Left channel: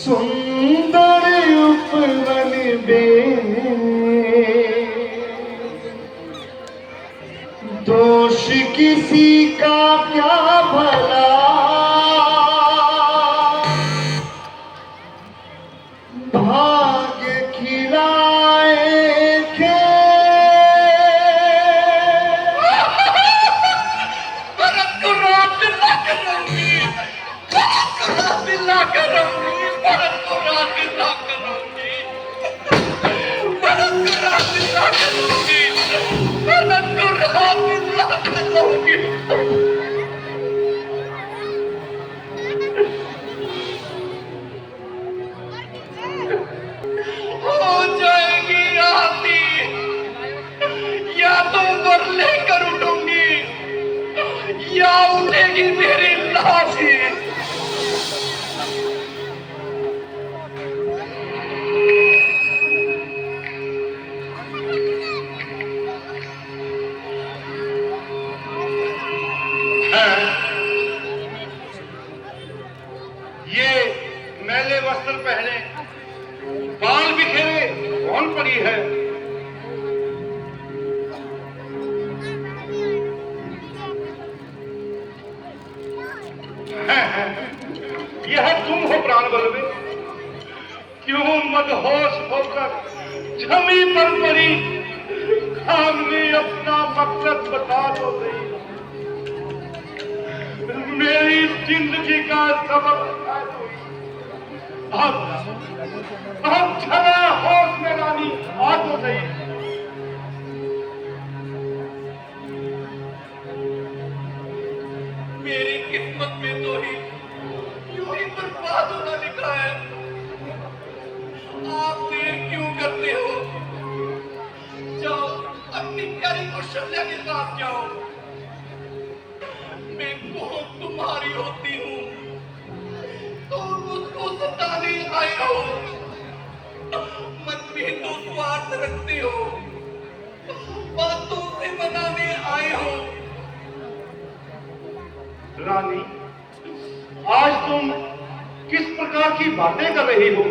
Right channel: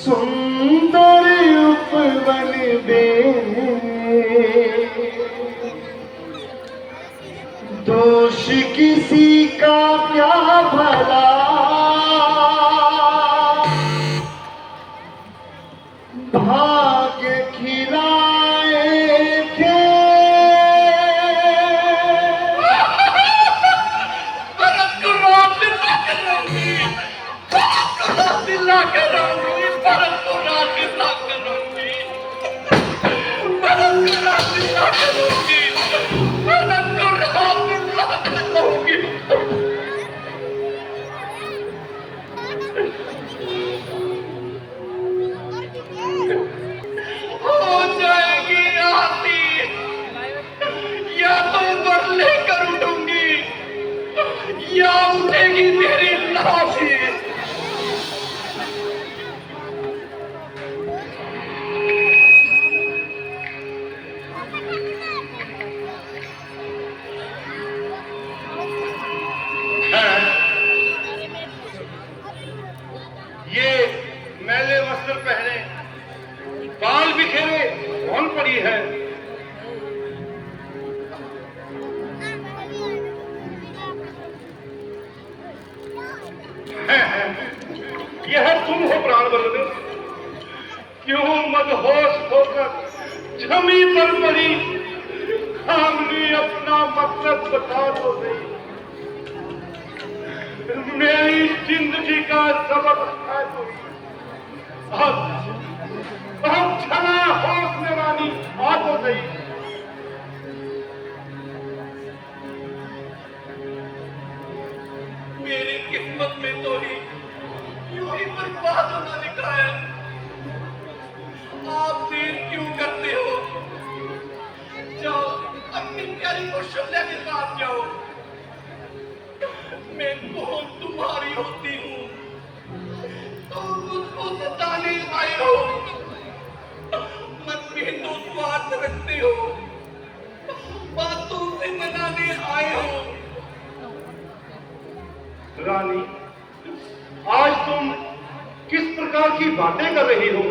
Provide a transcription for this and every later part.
सुंदर उपवन में दोष किसी का क्या भला, भाग्य खिलाए थे या उठेगी मेरी लाश। ये मैले वस्त्र पहने, बाल बिखेरे कौन पड़ी है? यह तुम हो प्राण बलवे, क्यों मदहोश होकर जमी पर पड़ी, सामने अपना मकसद बता दो नहीं। मेरी जिंदगी का सबक है अब छना होश में रानी आ तो सही। मेरी किस्मत में तो ही यूं ही बर्बाद होना लिखा है। आप देर क्यों करते हो? जाओ अपनी प्यारी कौशल्या के साथ जाओ। मैं कौन तुम्हारी होती हूँ तो मुझको सताने आए हो। मन में तो स्वार्थ रखते हो, बातों से मनाने आए हो। रानी, आज तुम किस प्रकार की बातें कर रही हो?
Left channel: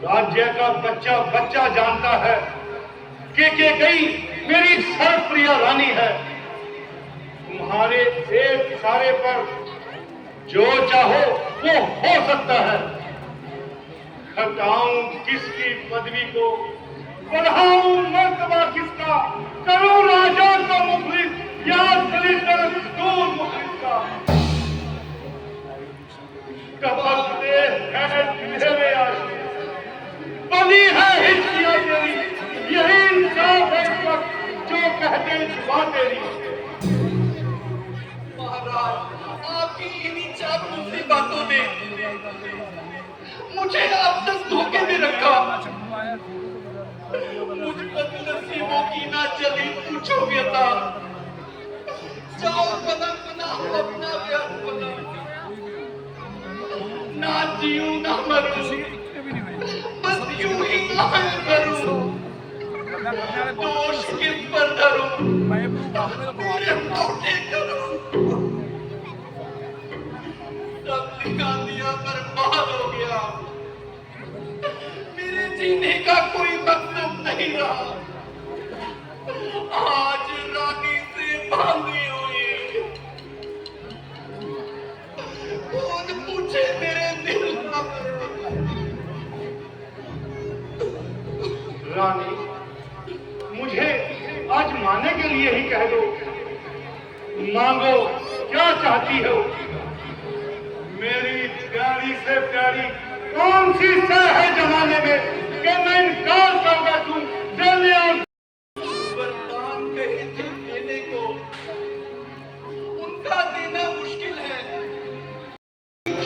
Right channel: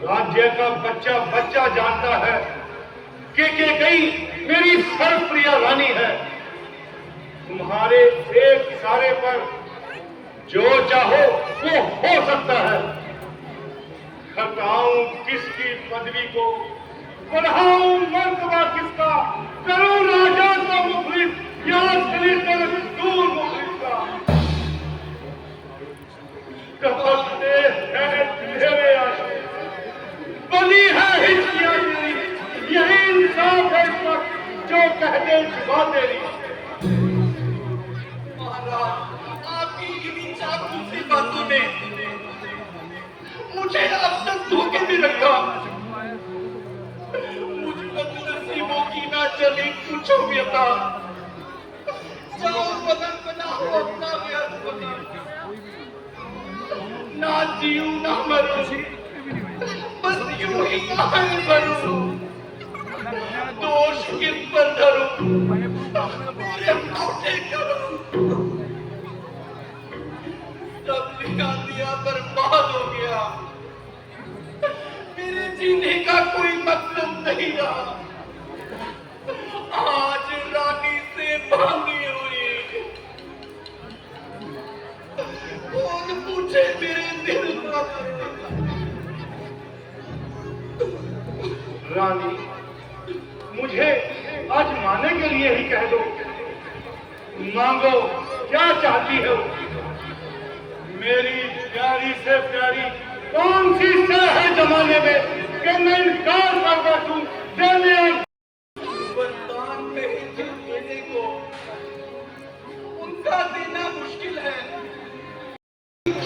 राज्य का बच्चा बच्चा जानता है कि गई मेरी सर्वप्रिय रानी है। तुम्हारे एक इशारे पर जो चाहो वो हो सकता है। हटाऊं किसकी पदवी को, बढ़ाऊं मर्तबा किसका, करूं राजा को मुखलिस या दलितर दूर मुखलिस का। कपलते हैं तेरे आशिक, बनी है हिस्सिया तेरी, यही इंसाफ है इस वक्त जो कहते जुबा तेरी। आपकी इन्हीं चाकूसी बातों ने मुझे अब तक धोखे में रखा। मुझ बदनसीबों की ना चली पूछो व्यथा। जाओ पलंग बनाओ अपना व्यर्थ पलंग। ना जीऊं ना मरूं, बस यूं ही मरूं। दोष किस पर धरूं, मेरे लौटे करूं। सब लिखा दिया बर्बाद हो गया। मेरे जीने का कोई मतलब नहीं रहा। आज रानी से बांधी हुई, कौन पूछे मेरे दिल का। रानी, मुझे आज माने के लिए ही कह दो। मांगो क्या चाहती हो? मेरी प्यारी से प्यारी कौन सी सह है जमाने में कि मैं इनकार कर बैठूं देने और वरदान कहे थे देने को, उनका देना मुश्किल है।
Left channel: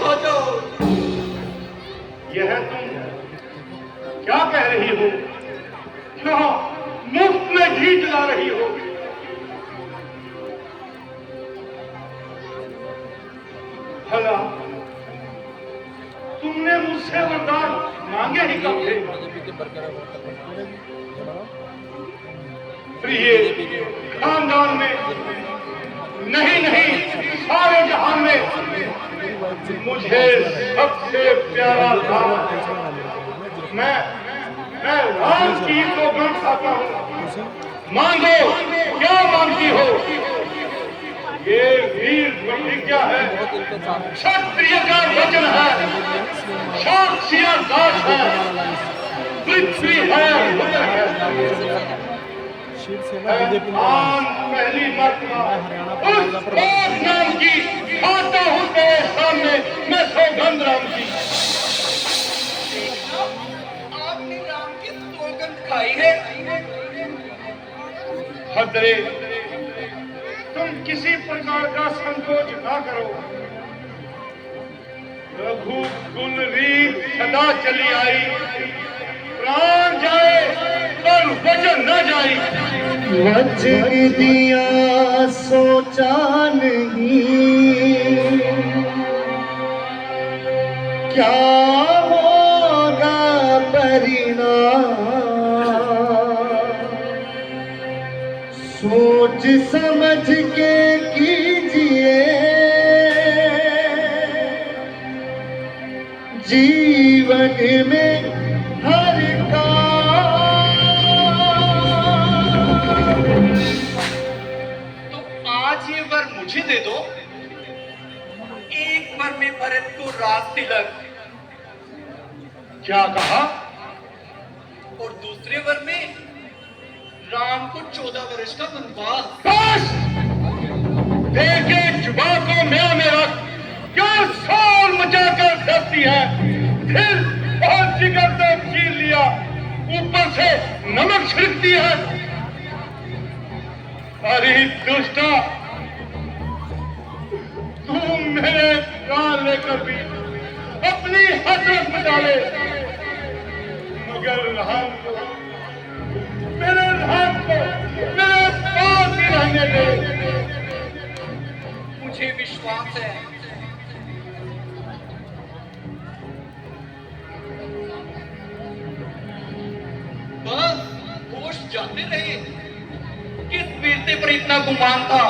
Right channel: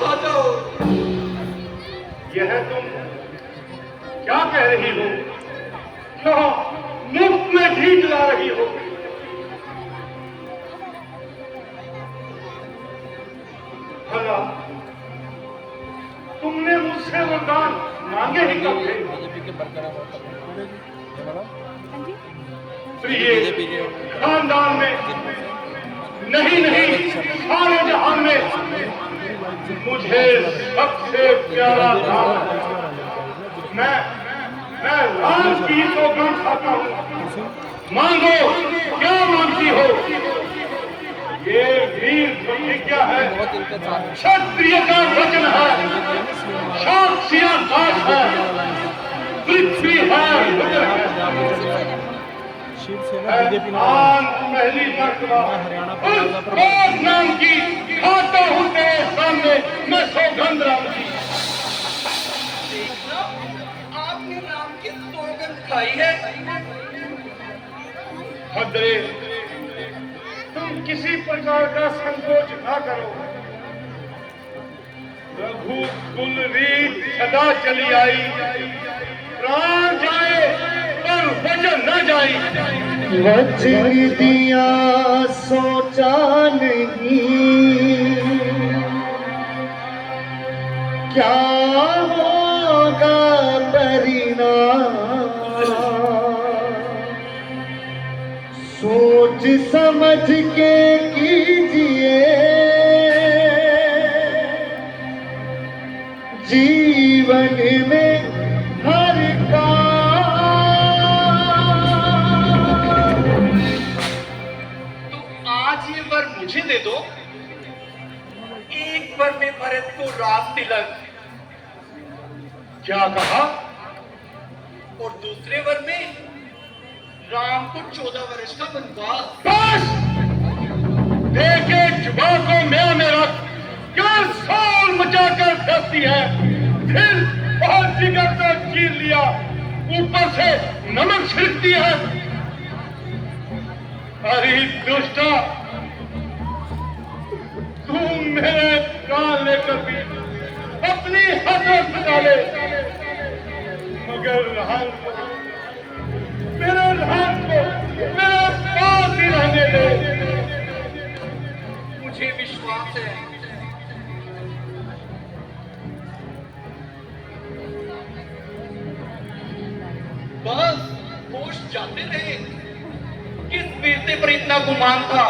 आ जाओ। यह तुम क्या कह रही हो? क्यों मुफ्त में घी जला रही हो? भला तुमने मुझसे वरदान मांगे ही कब थे? प्रिय खानदान में नहीं, सारे जहान में मुझे सबसे प्यारा था। मैं राम की सौगंध खाता हूँ। मांगो, क्या मांगती हो? ये वीर प्रतिज्ञा है, क्षत्रिय का वचन है, साक्षियां दास है, पृथ्वी है, रुद्र है। शिवसेना बीजेपी में पहली मर्तबा हरियाणा उस बात नाम की खाता हूँ तेरे सामने, मैं सौगंध राम की। देखना, आपने राम की सौगंध खाई है। भद्रे, तुम किसी प्रकार का संकोच ना करो। रघुकुल रीत सदा चली आई, प्राण जाए पर वचन न जाए। वचन दिया सोचा नहीं, क्या होगा परिणाम। सोच समझ के कीजिए जीवन में हर काम। तो आज ये वर मुझे दे दो। एक वर में भरत को राज तिलक, क्या कहा? और दूसरे वर में राम को 14 वर्ष का वनवास। बस! देखे जुबान को म्यां में रख, क्या शोर मचाकर धरती है। फिर बहुत जिगर तक छीन लिया, ऊपर से नमक छिड़कती है। अरे दुष्टा, तू मेरे प्राण लेकर भी अपनी हसरत मिटा ले, मगर राम को, मेरे राम को मेरे पास ही रहने दे। मुझे विश्वास है बस होश जाते रहे। किस बेटे पर इतना गुमान था,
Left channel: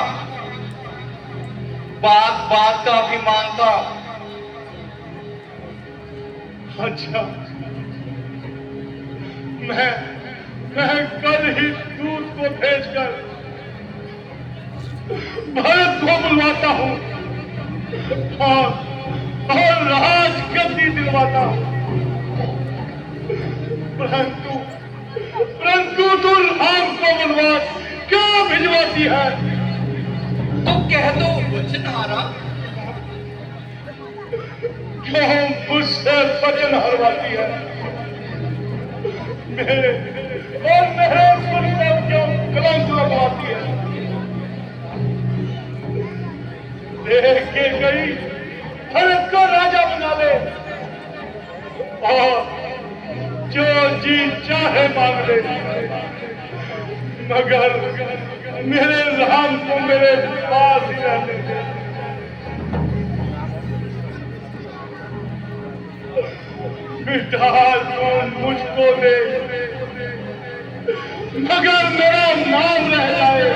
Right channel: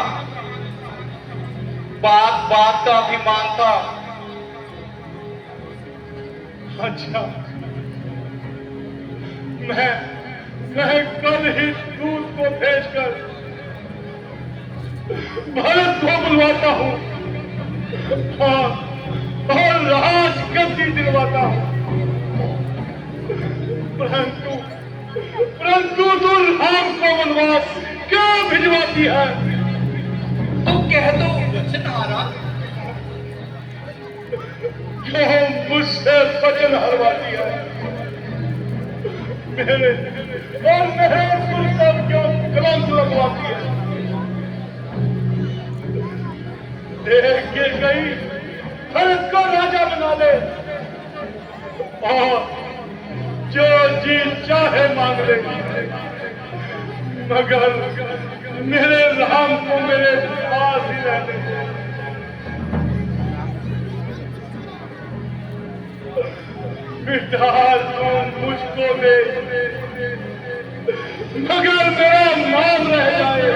बात बात का अभिमान था। अच्छा, मैं कल ही दूत को भेजकर भारत को बुलवाता हूँ और राज गद्दी दिलवाता हूँ। परंतु तू राम को वनवास क्या भिजवाती है? तो कह दो वचनहारा। क्यों मुझसे वचन हरवाती है? मेरे और मेरे सुर पर क्यों कलंक लगवाती है? देख के गई भरत को राजा बना ले और जो जी चाहे मांग ले, मगर मेरे राम को मेरे पास ही रहने दे। मिटा तो मुझको दे, मगर मेरा नाम रह जाए।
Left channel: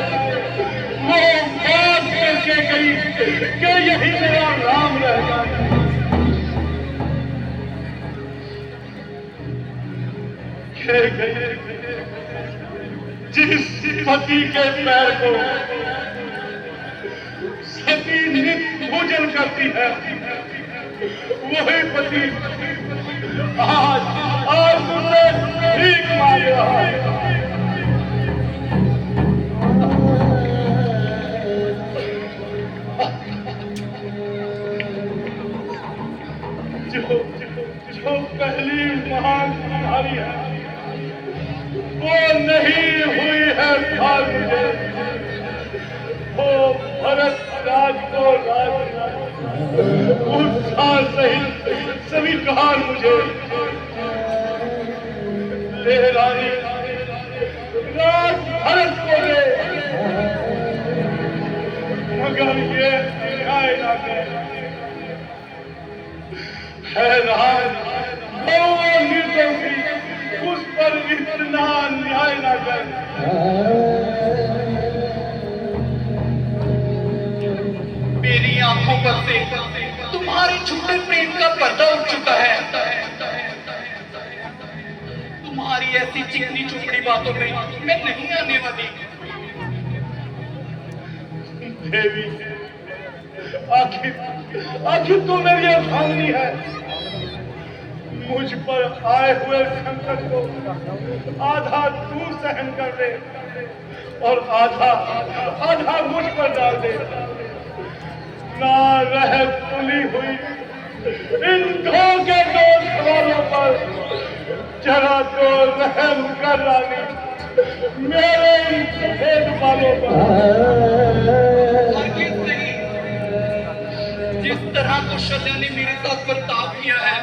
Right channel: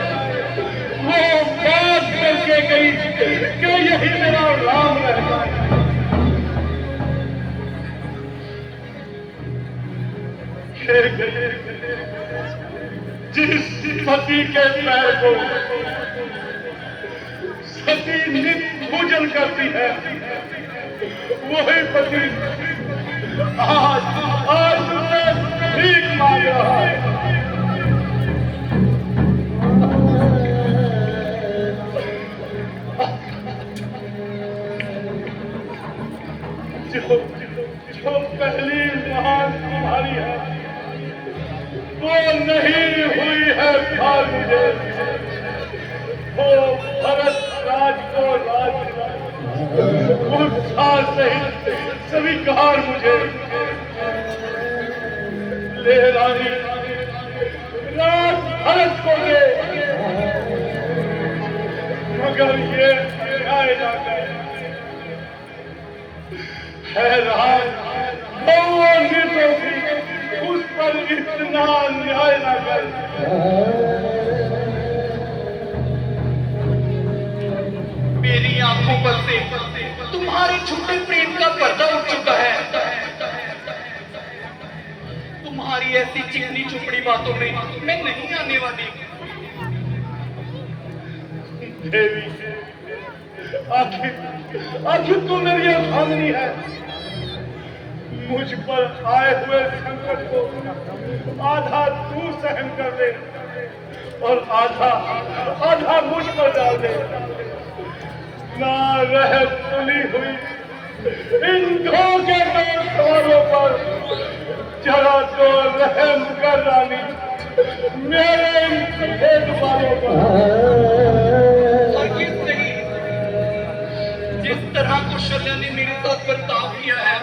वो बात करके गई कि यही मेरा राम रह जाए। जिस सती के पैर को सती नित्य पूजन करती है, वही पति आज मुझसे भीख मांग रहा है। जो पहली महान तुम्हारी है, वो नहीं हुई है प्यार मुझे। वो भरत राज को राज उत्साह सहित स्वीकार मुझे। ले रानी, राज भरत को ले, मगर ये न्याय ना करे। हैरान बहुआ निर्दों की उस पर इतना न्याय ना कर। मेरी आंखों पर से तुम्हारे झूठे प्रेम का पर्दा उठ चुका है। तुम्हारी ऐसी चिकनी चुपड़ी बातों में मैं नहीं आने वाली। देवी, आखिर तू मेरी अभावनी है। मुझ पर आए हुए संकट को आधा तू सहन कर दे और आधा मुझ पर डाल दे। ना रह तुली हुई इन धोखे दो सवालों पर जरा तो रहम कर रानी मेरे इन सफेद बालों पर। और ये सही, जिस तरह कौशल्या ने मेरे साथ बर्ताव किया है,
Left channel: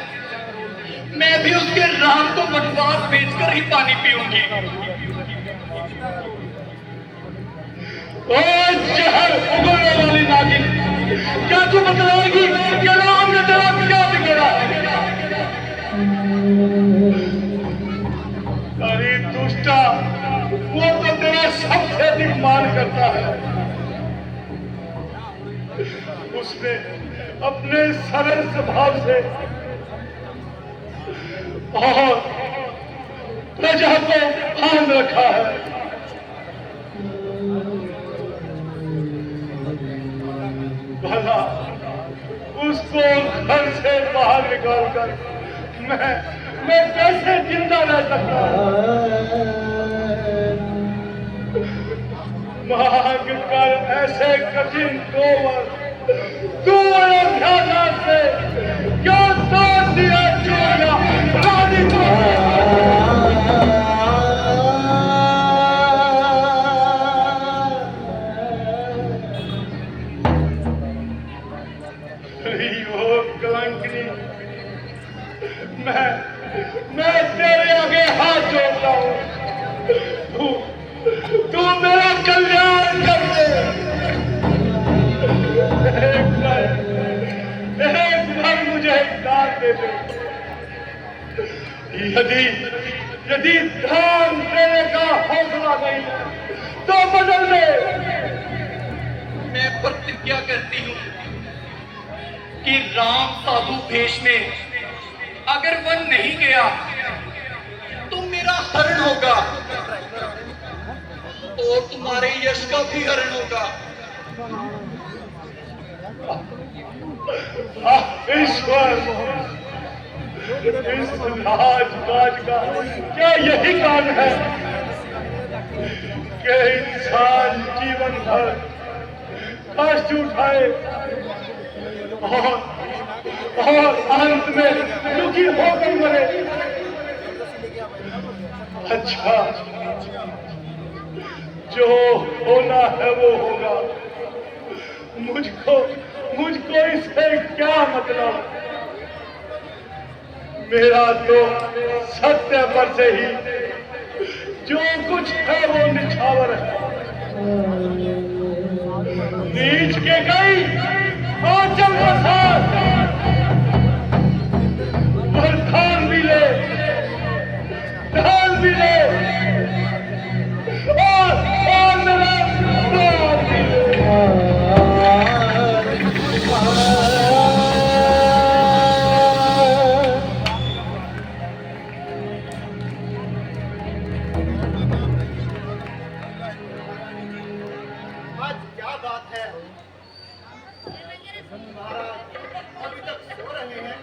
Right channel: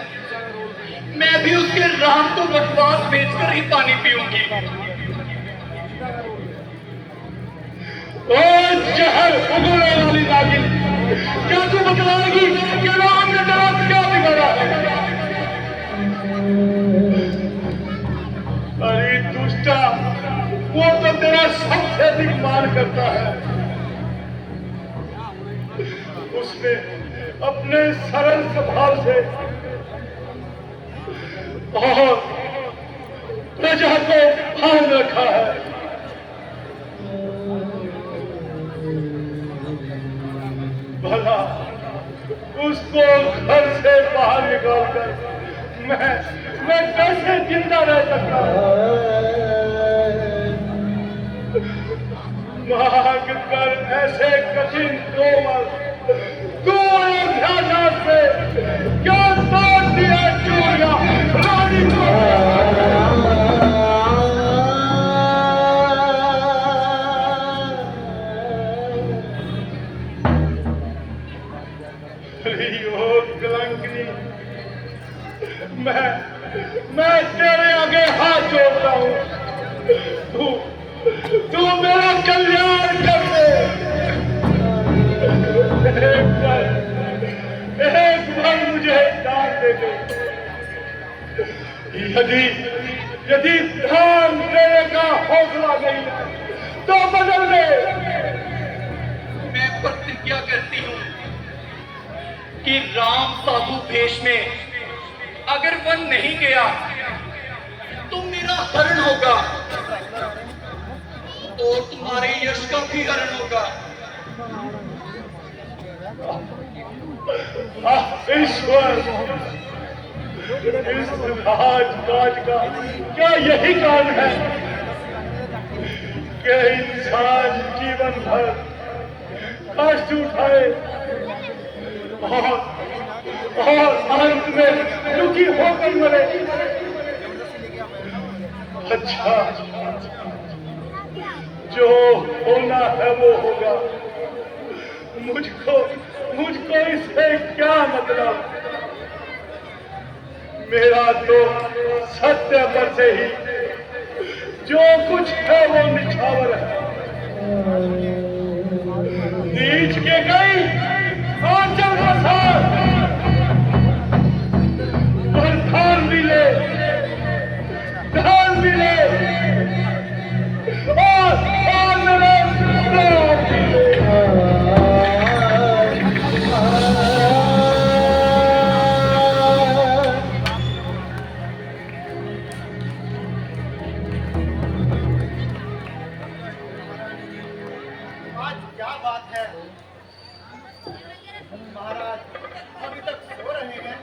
मैं भी उसके राम को वनवास बेचकर ही पानी पीऊंगी। ओ जहर उगलने वाली नागिन, क्या तू बतलाएगी कि राम ने तेरा क्या बिगाड़ा? अरे दुष्टा, वो तो तेरा सबसे अधिक मान करता है। उसने अपने सरल स्वभाव से और प्रजा को थाम रखा है। भला उसको घर से बाहर निकालकर मैं कैसे जिंदा रह सकता हूं? मांग कर ऐसे कठिन तू अयोध्या से क्यों तोड़ दिया चोरिया रानी को? मैं तेरे आगे हाथ जोड़ता हूँ। तू मेरा कल्याण कर दे। एक बार मुझे दान दे दे। यदि धान देने का हौसला नहीं है तो बदल दे। मैं प्रतिज्ञा करती हूँ कि राम साधु भेष में अगर वन नहीं गया तो मेरा हरण होगा और तुम्हारे यश का भी हरण होगा। ईश्वर, इस राजकाज का क्या यही कारण है कि इंसान जीवन भर कष्ट उठाए और अंत में दुखी होकर मरे? अच्छा, जो होना है वो होगा। मुझको इससे क्या मतलब? मेरा तो सत्य पर से ही जो कुछ है वो निछावर है। नीच के गई आंचल के साथ और धान मिले और मिले। आज क्या बात है महाराज, अभी तक सो रहे हैं?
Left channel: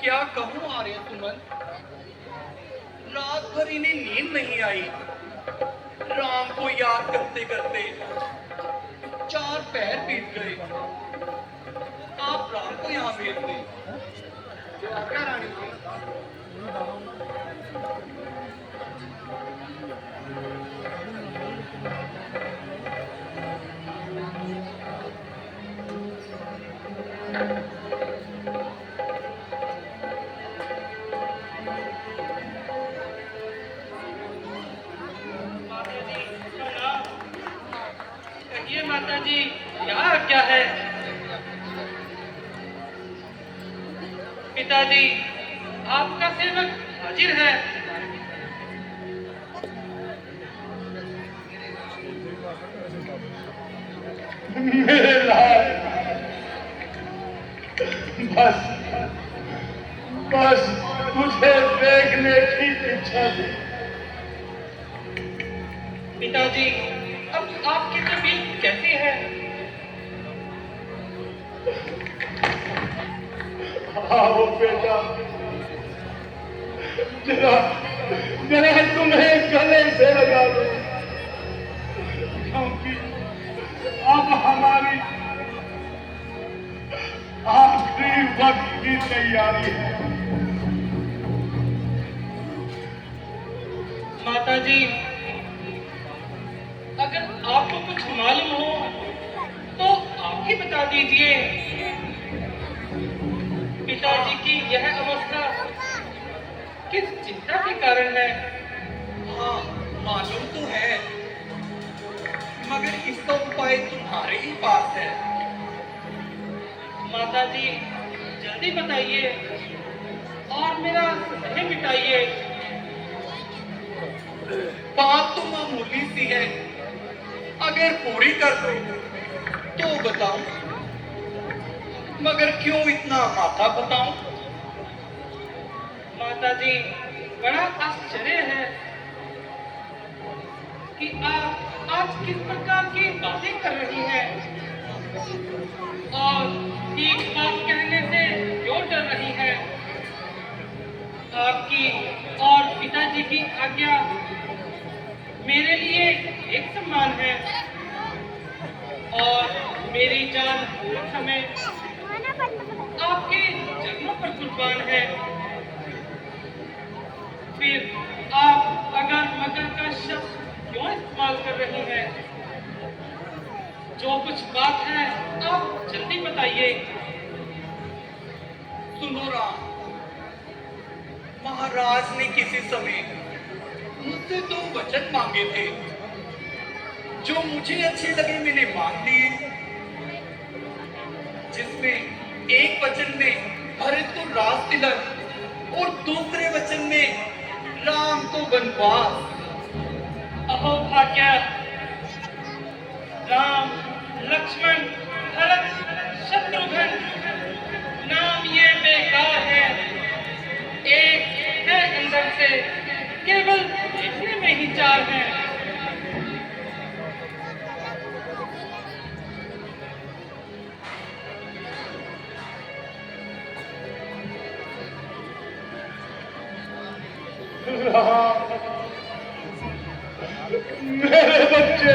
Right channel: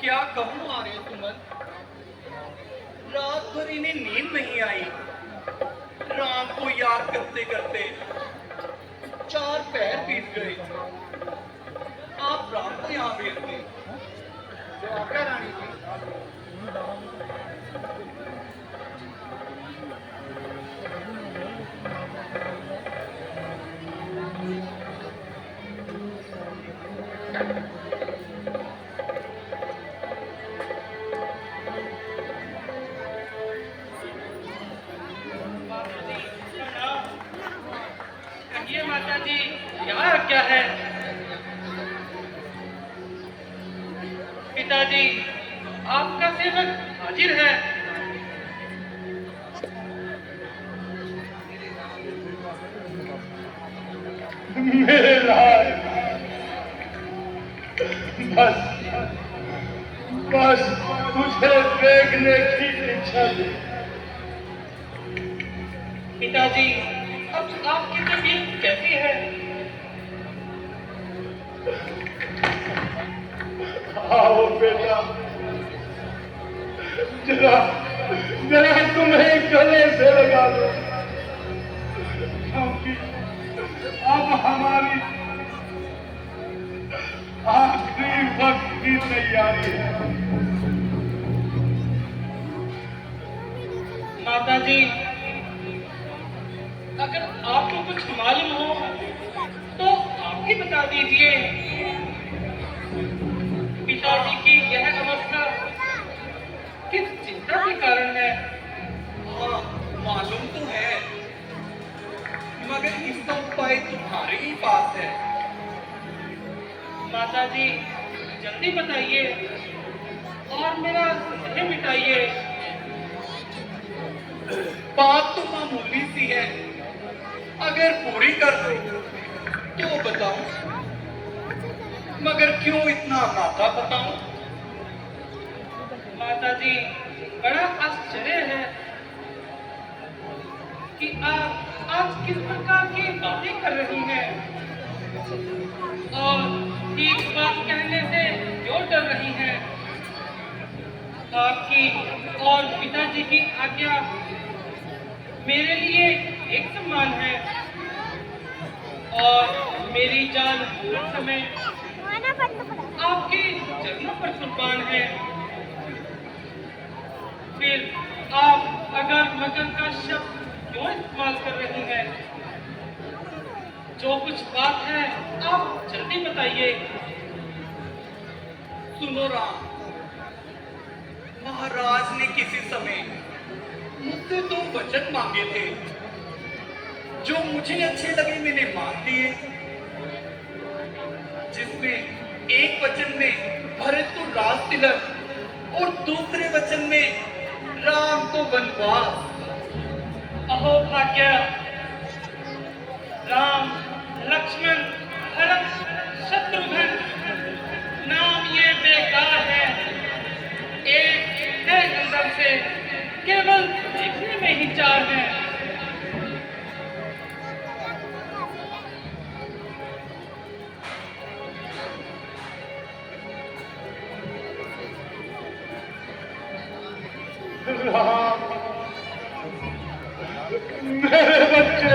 क्या कहूं आर्य सुमन, रात भर इन्हें नींद नहीं आई। राम को याद करते करते 4 पहर बीत गए। आप राम को यहाँ भेज दें। क्या रानी जी? कहिए माता जी, क्या है? पिताजी, आपका सेवक हाजिर है। मेरे लाल, उसे देखने की इच्छा थी। पिताजी, अब आपकी तबीयत कैसी है? आओ बेटा, जरा जरा तुम्हें गले से लगा दो, क्योंकि अब हमारी आखिरी वक्त की तैयारी है। माताजी, अगर आपको कुछ मालूम हो तो आप ही बता दीजिए। पिताजी की यह अवस्था किस चिंता के कारण है? हाँ, मालूम तो है, मगर इसका उपाय तुम्हारे ही पास है। माताजी, जल्दी बताइए और मेरा संदेह मिटाइए। बात तो मामूली सी है, अगर पूरी कर दो तो बताओ, मगर क्यों इतना माथा बताऊं? माताजी, बड़ा आश्चर्य है कि आप आज किस प्रकार की बातें कर रही हैं और एक बात कहने से क्यों डर रही हैं? आपकी और पिताजी की आज्ञा मेरे लिए एक समान है और मेरी जान हर समय आपके चरणों पर कुर्बान है। फिर आप अगर मगर का शब्द क्यों इस्तेमाल कर रही हैं? जो कुछ बात है आप जल्दी बताइए। सुनो राम, महाराज ने किसी समय मुझसे 2 वचन मांगे थे, जो मुझे अच्छे लगे मैंने मांग लिए, जिसमें एक वचन में भरत को राज तिलक और दूसरे वचन में राम को वनवास। अहो भाग्य, राम, लक्ष्मण, भरत, शत्रुघ्न नाम ये बेकार है। एक है अंदर से, केवल देखने में ही 4 हैं। मेरे बच्चे,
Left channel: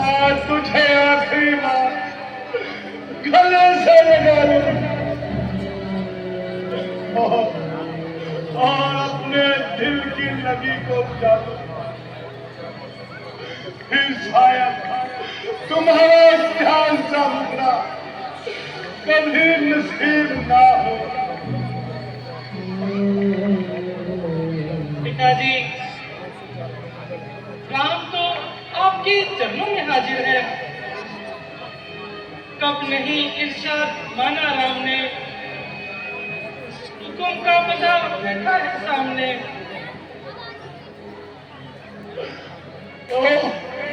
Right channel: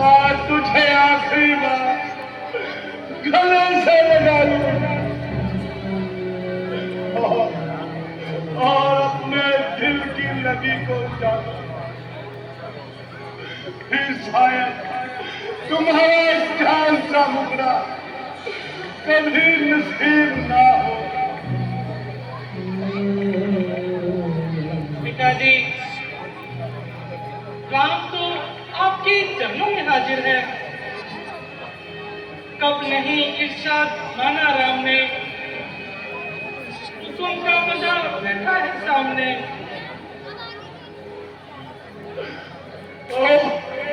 आज तुझे आखिरी बार गले से लगा लूं और अपने दिल की नदी को डालूं। फिर शायद तुम्हारा ध्यान का मुकरा कभी नसीब ना हो। पिताजी, राम तो आपके चरणों में हाजिर है। कब नहीं इरशाद माना राम ने, हुक्म का बंदा बैठा है सामने। ओ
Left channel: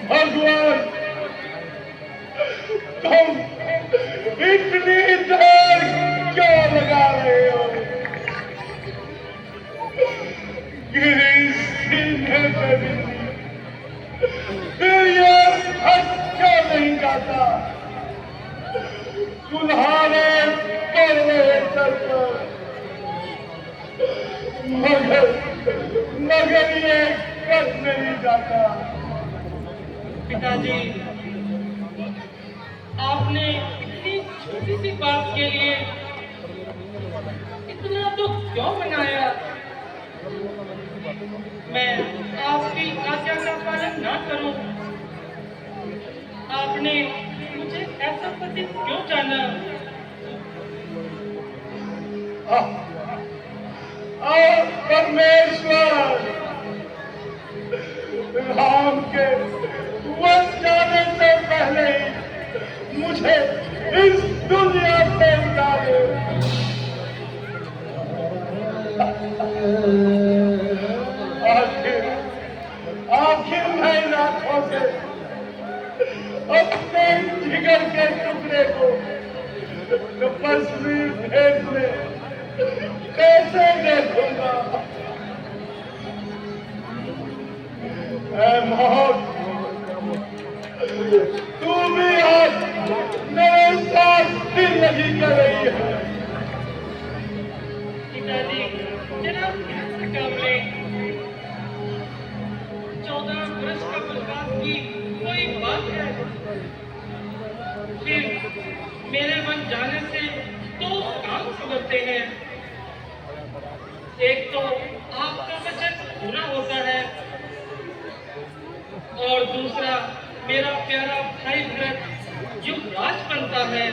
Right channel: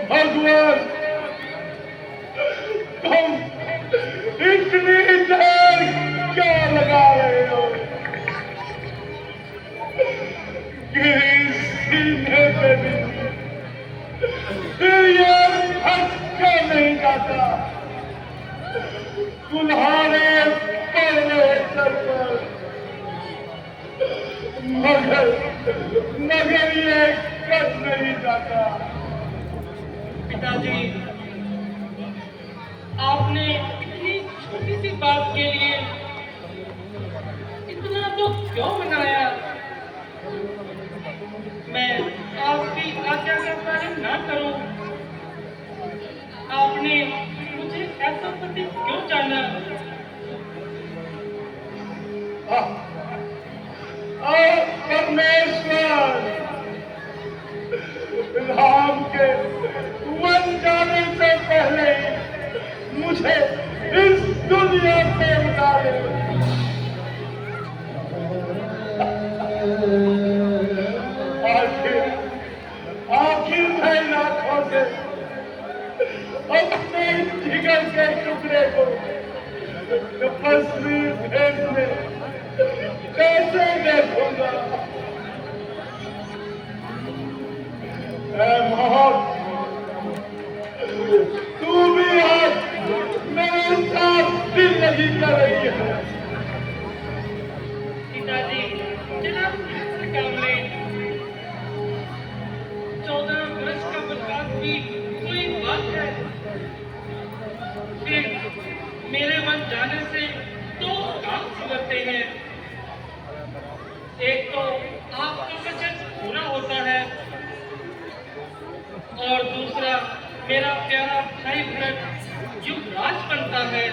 भगवान, तुम इतनी देर क्यों लगा रहे हो? गिरी सीने पे भी ये हटका नहीं जाता। तुम्हारे पहले सर पर मगर ये कट नहीं जाता। पिताजी, आपने इतनी छोटी सी बात के लिए इतना दुख क्यों मनाया? मैं आपकी आज्ञा का पालन ना करूं? आपने मुझे ऐसा पति क्यों जाना? परमेश्वर, राम के वन जाने से पहले ही मुझे इस दुनिया से उठा दे। आखिर मैं आंखों से मेरा प्यारा भाई भरत युवराज बनता है।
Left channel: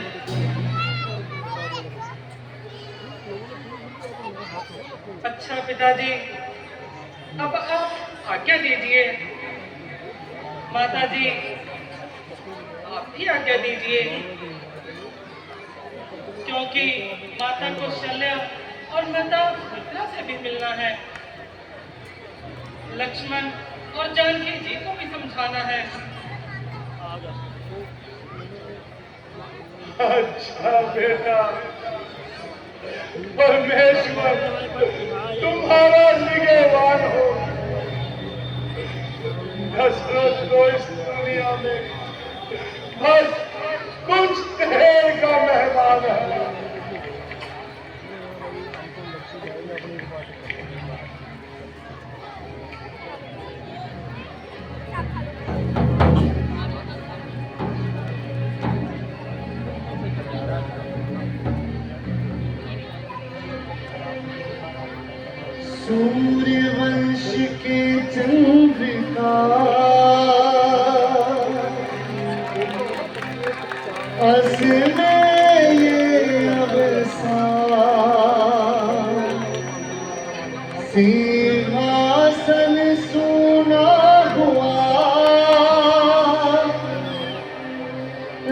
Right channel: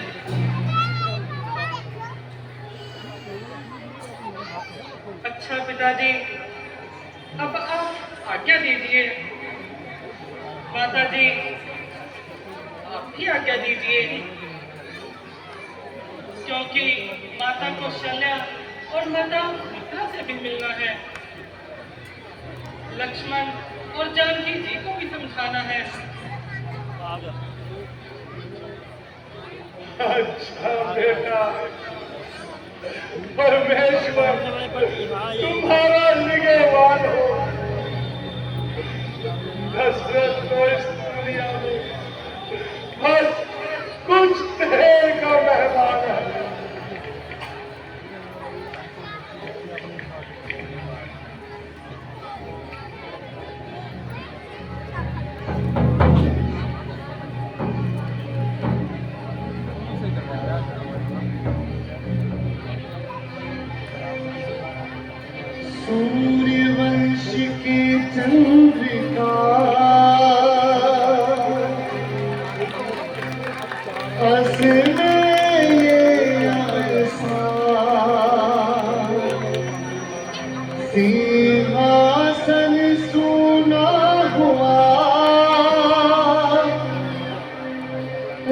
अच्छा पिताजी, अब आप आज्ञा दीजिए। माताजी, आप भी आज्ञा दीजिए, क्योंकि माता को शल्या और माता मित्रा से भी मिलना है। लक्ष्मण और जानकी जी को भी समझाना है। अच्छा बेटा, परमेश्वर तुम्हारा निगहबान हो। दशरथ तो इस दुनिया में बस कुछ देर का मेहमान है। सूर्यवंश के चंद्रिका असले ये अवसान सिंहासन सुना हुआ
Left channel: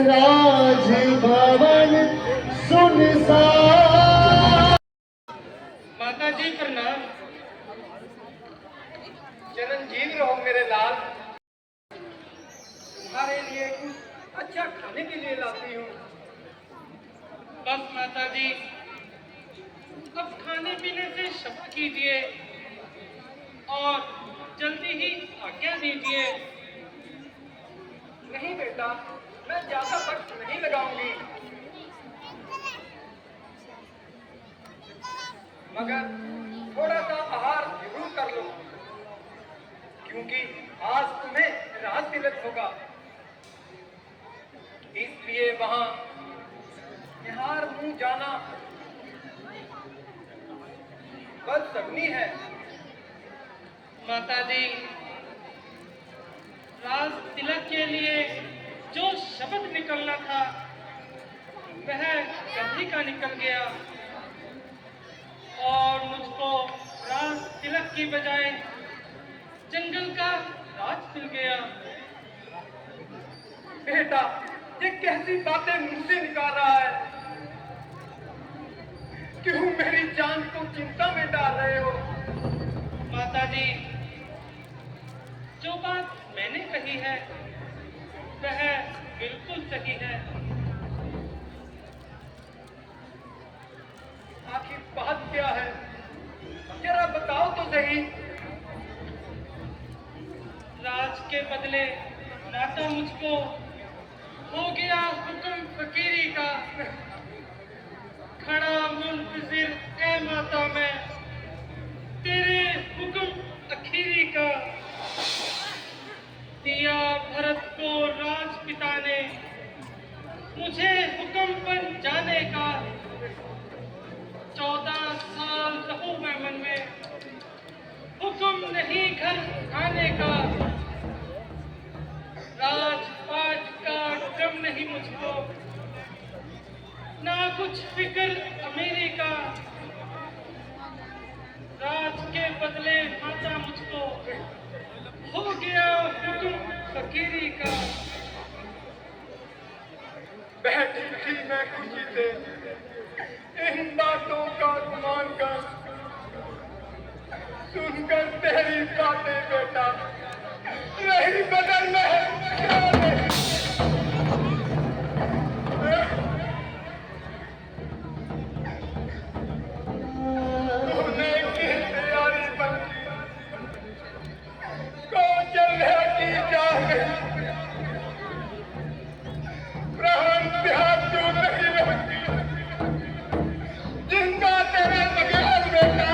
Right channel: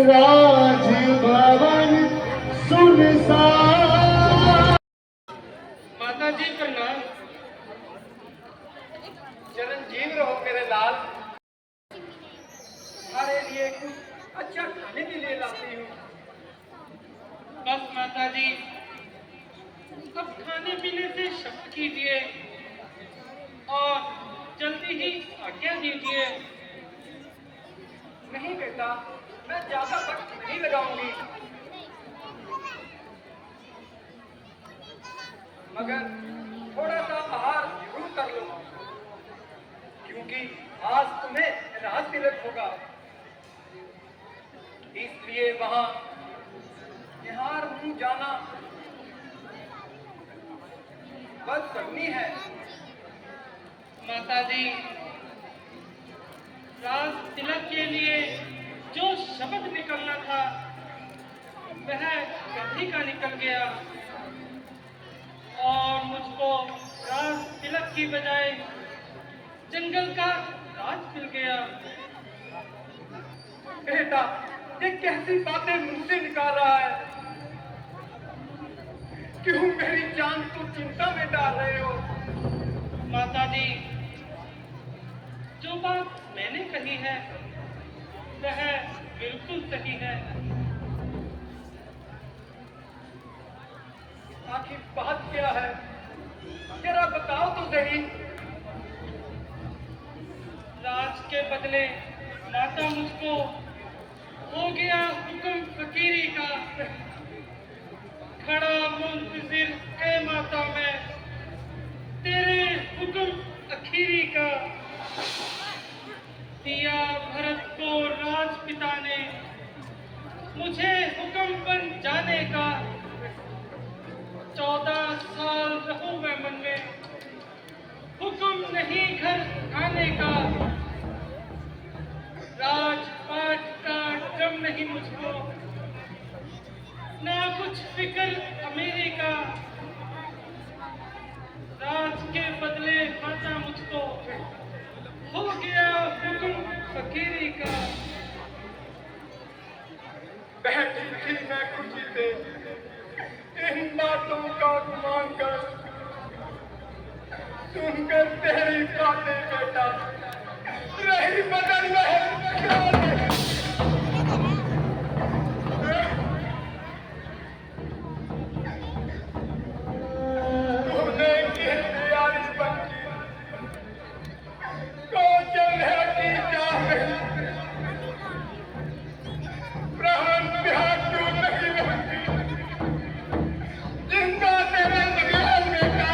राजभवन सुनसान। माताजी प्रणाम। चिरंजीव रहो मेरे लाल। तुम्हारे लिए कुछ अच्छा खाने के लिए लाती हूँ। बस माताजी, अब खाने पीने से क्षमा कीजिए और जल्दी ही आज्ञा दीजिए। नहीं बेटा, मैं ज्यादा वक्त नहीं लगाऊंगी, मगर थोड़ा सा आहार जरूर कर लो, क्योंकि आज तुम्हें राज तिलक होगा। इसलिए वहां निहार मुंह जाना बदशगुनी है। माताजी, राज तिलक के लिए जो शब्द निकलना था वह कभी का निकल गया और मुझको राज तिलक की बजाय जंगल का राज मिल गया। बेटा, ये कैसी बातें मुंह से निकाल रहा है? क्यों मेरी जान को चिंता में डाल रहे हो? माताजी, जो बात मैंने कही है वह बिल्कुल सही है। आखिर बात क्या है? जरा बताओ तो सही। राज के बदले माता मुझको हो गया हुक्म फकीरी का। खड़ा मुंतजिर ए माता मैं तेरे हुक्म अखीरी का। दिया भरत को राजपिता ने मुझे हुक्म पर जाने का। 14 साल रहो मैं मन में, हुक्म नहीं घर आने का। राजपाट का ड्रम नहीं मुझको, ना कुछ फिक्र अमीरी का। राज के बदले माता मुझको हो गया हुक्म फकीरी का। बैठी थी मैं खुशी से इन बातों का गुमान कर, सुनकर तेरी बातें बेटा रही बदन में। तूने की तैयारी बंकी को चलने की चाह में प्राण प्यार क्यों नहीं लगती? जिंदा तेरे बगैर बेटा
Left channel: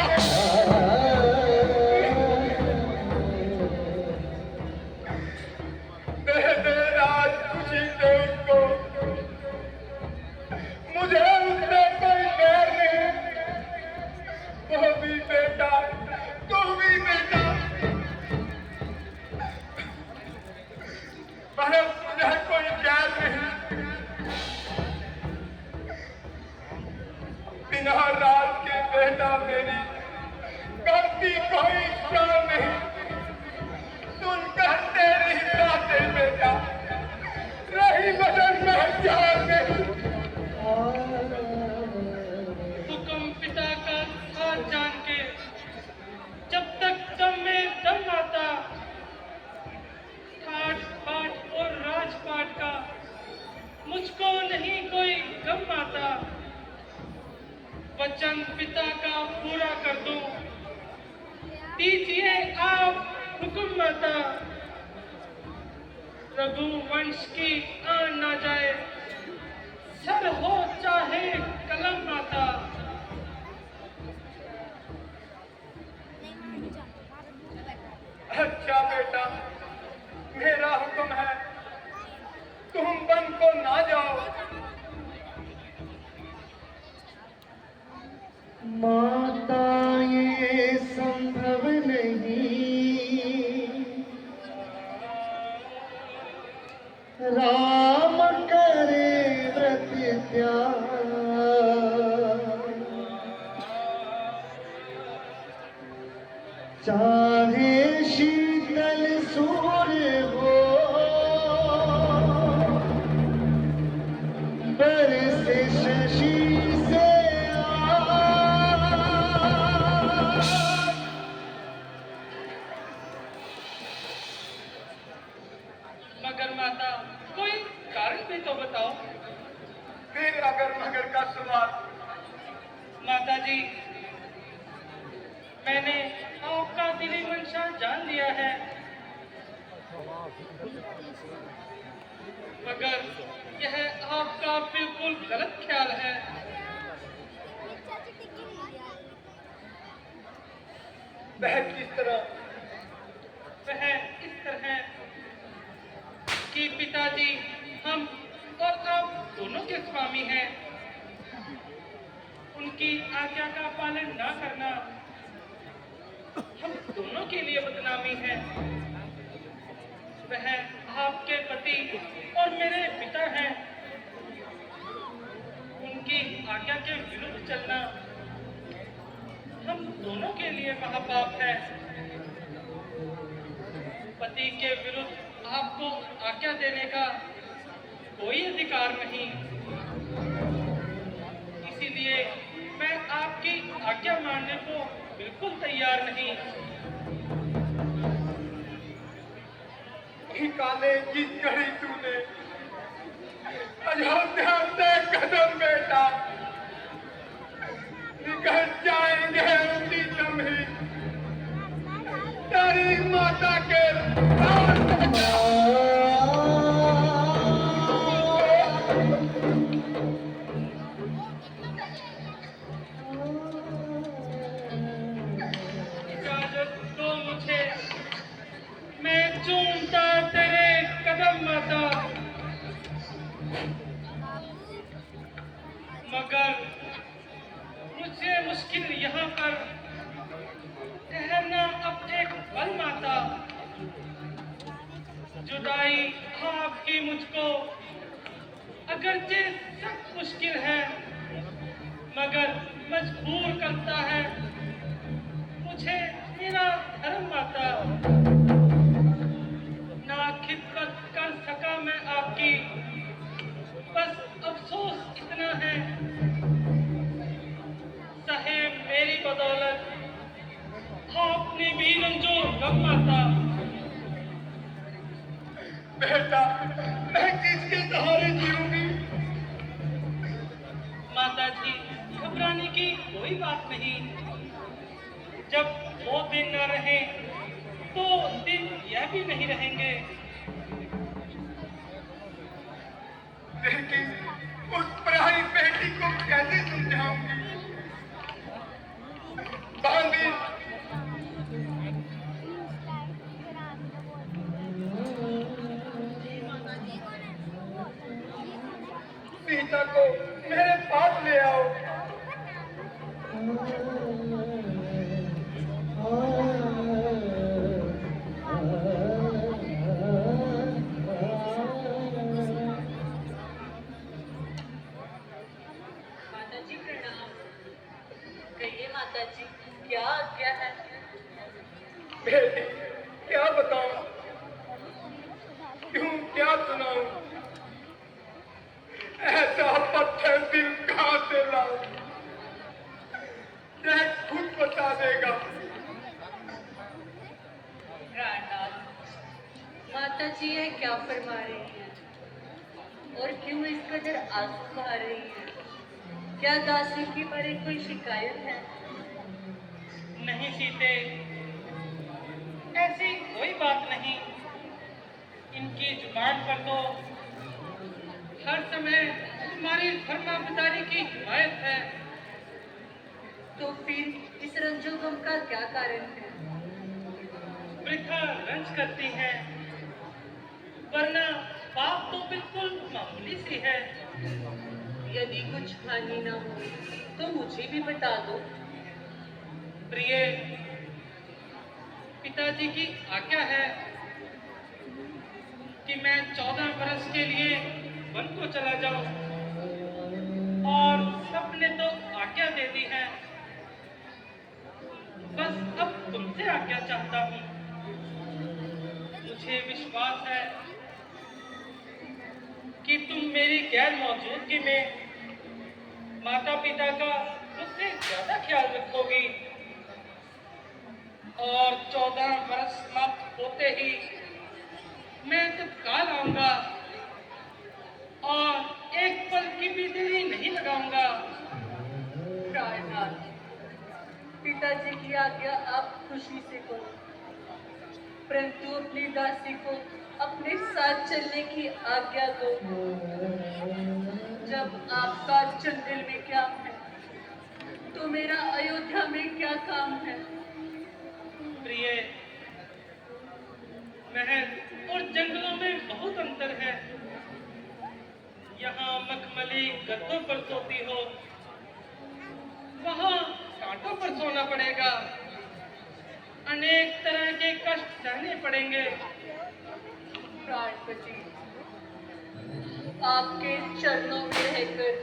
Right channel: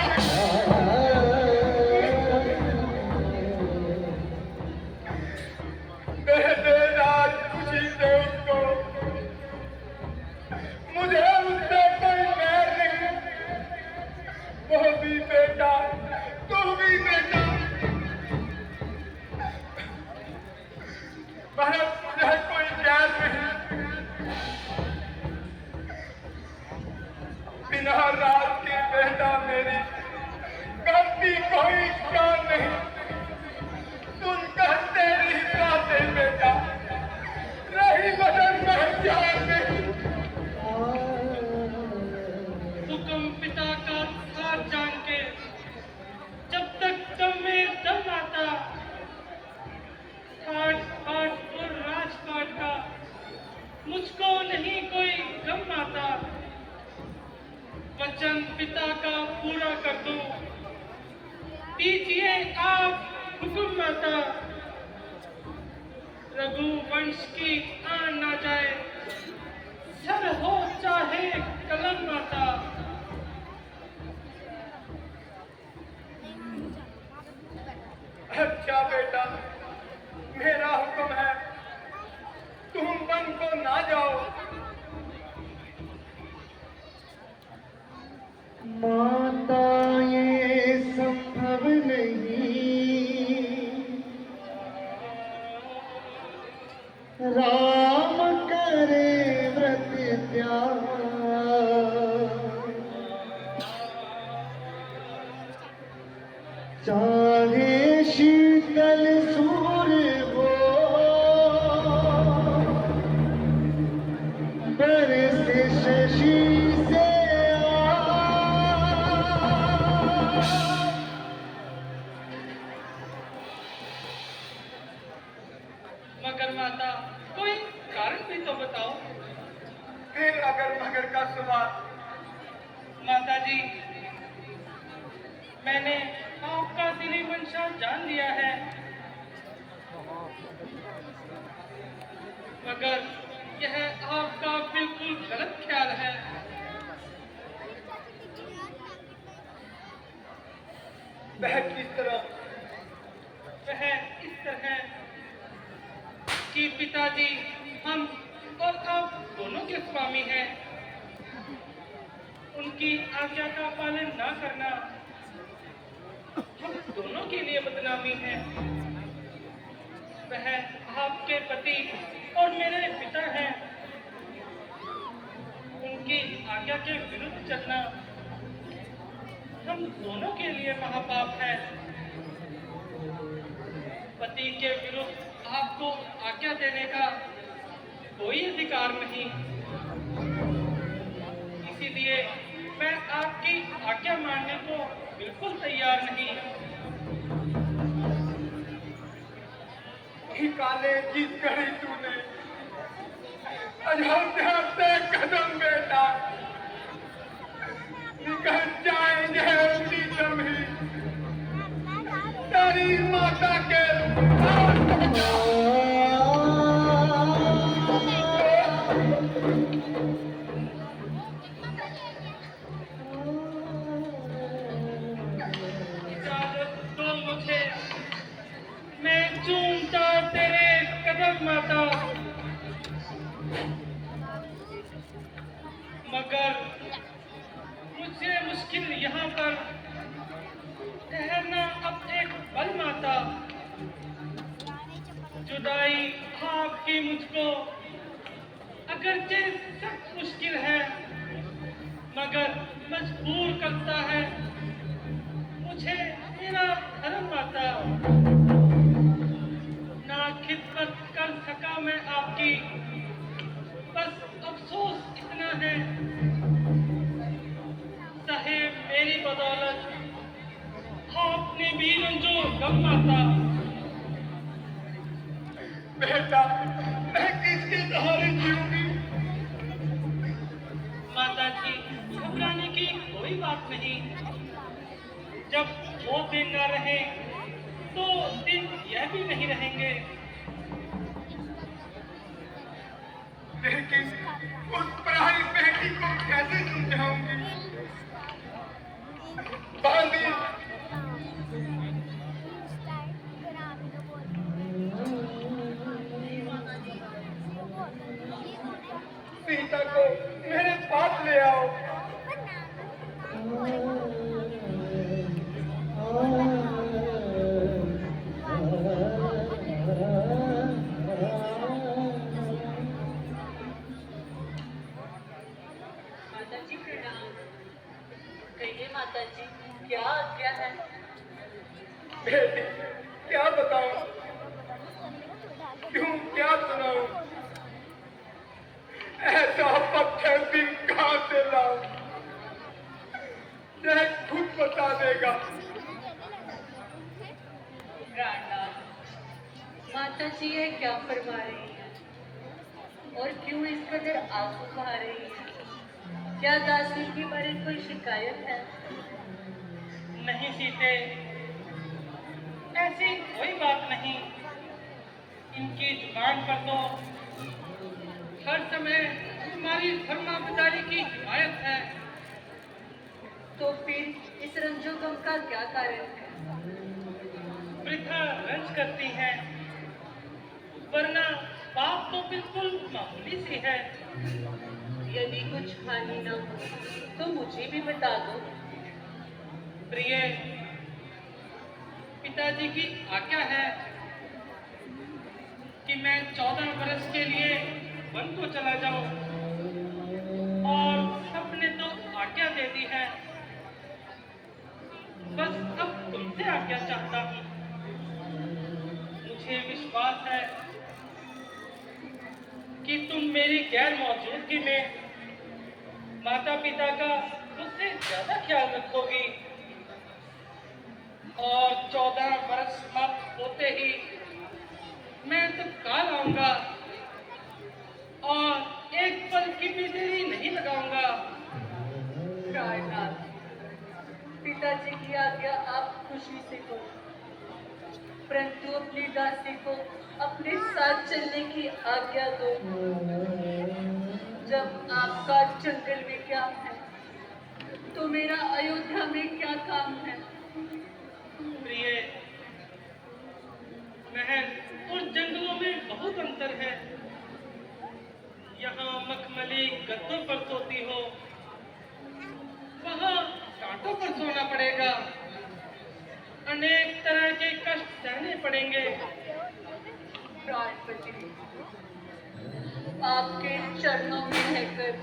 हुकुम माता, रघुवंश की आन ना जाए, सर हो चाहे कलम माता। अच्छा बेटा, मेरा हुक्म है, तुम वन को ना जाओ। माता ये संभव नहीं, राम करे व्रत त्याग, चाहे शीतल सूर्य हो, बरसे शशि से मगर माता, कोई कारण भी तो बताओ। फिर अगर मगर का सवाल। माता जी, मैंने आपका दिली मंशा जान लिया है, मगर यह आपका बिल्कुल गलत ख्याल है। वह किस तरह? वह इस तरह कि पिताजी हम और आप दोनों के स्वामी हैं। उनकी आज्ञा का पालन ना करना हम दोनों के लिए बदनामी है। वह आपके पति और मेरे पिता हैं। उनकी आज्ञा के विरुद्ध चलना हम दोनों के लिए महापाप है। पति के विरुद्ध आपको आज्ञा देने का कोई अधिकार नहीं। इसीलिए मैं आपकी आज्ञा मानने को बिल्कुल तैयार नहीं। ठिकाने की कही तूने, अयोध्या से कदम बेटा, निकल जाएंगे उसी दम ही तेरी माता के इजाजत दो मुझे, मैं चूमता तेरे कदम माता। मगर मुझे मुश्किल यहाँ पर ठहरना अब एक पल माता। जुदाई आपकी मुझको अगरचे सख्त मुश्किल है, मगर मजबूर करता है मुझे मेरा धर्म माता। ना खिदमत कर सका मैं आपकी, बस अफसोस इतना है, साहेब मेरी बदौलत आपने भी रंजो गम माता। बेटा, मैं किसके सहारे जीऊंगी? माता जी, घबराने की कोई बात नहीं। जब वो दिन न रहे तो दिन यह भी नहीं रहेंगे। लेकिन उस पराई बेटी को कैसे समझाऊंगी? बांधी सीता को मेरे पास ले आओ। माता जी प्रणाम। कहिए माता जी, क्या आज्ञा है? बेटी, क्या बताऊं, क्यों क्या सुनाऊं? ऐसा पत्थर दिल कहां से लाऊं? यह खुद बता देगा। प्राणनाथ, माता जी ये क्या फरमा रही है और क्यों इस कदर आंसू आ रही है? क्या दासी की बड़ी कोई शिकायत है? नहीं सीते, ऐसी पर तो हर समय हमारी फरमाबरदारी की हिमायत है। तो फिर इस रंजो गम का क्या कारण है? वृथा रंज करती हैं, वरना बात तो बिल्कुल मामूली सी है। यदि कुछ हानि ना हो तो मुझे भी बता दो। प्रिय, पिताजी की आज्ञा है कि मैं 14 वर्ष के लिए वन को चला जाऊं, और सबने तो आज्ञा दे दी है, बस अब तुमसे आज्ञा चाहता हूं। मुझे विश्वास है कि तुम मेरी गैर मौजूदगी में माता पिता का मुझसे ज्यादा ख्याल रखोगी, और 14 वर्ष समाप्त होते ही मैं तत्काल आऊंगा और एक पल की भी देरी नहीं लगाऊंगा। प्राणनाथ, पिताजी की आज्ञा आप खुशी से करो, परंतु अपनी दासी को अपने साथ चलने की आज्ञा दो। जब आपका जंगल में क्या है तो मेरा अयोध्या में क्या काम है? प्रिय, महल और जंगलों में बहुत अंतर है। यहाँ मखमली गद्दों पर सोती हो, वहाँ टाटों पर सोना पड़ेगा, अनेक तरह के कष्ट सहने पड़ेंगे। प्राणपति, आपके चरणों में रहकर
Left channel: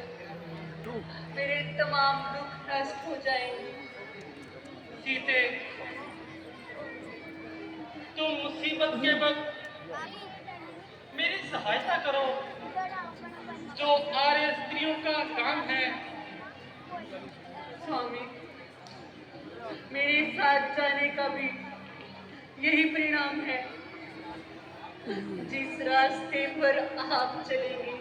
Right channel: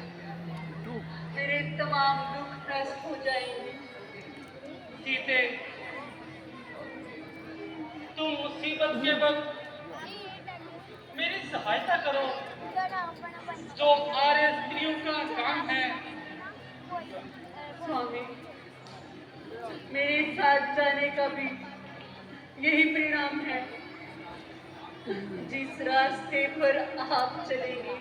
मेरे तमाम दुख नष्ट हो जाएंगे। सीते, तुम मुसीबत के वक्त मेरी सहायता करो, जो आर्य स्त्रियों का काम है। स्वामी, मेरे साथ जाने का भी यही परिणाम है। जिस रास्ते पर आप चलेंगे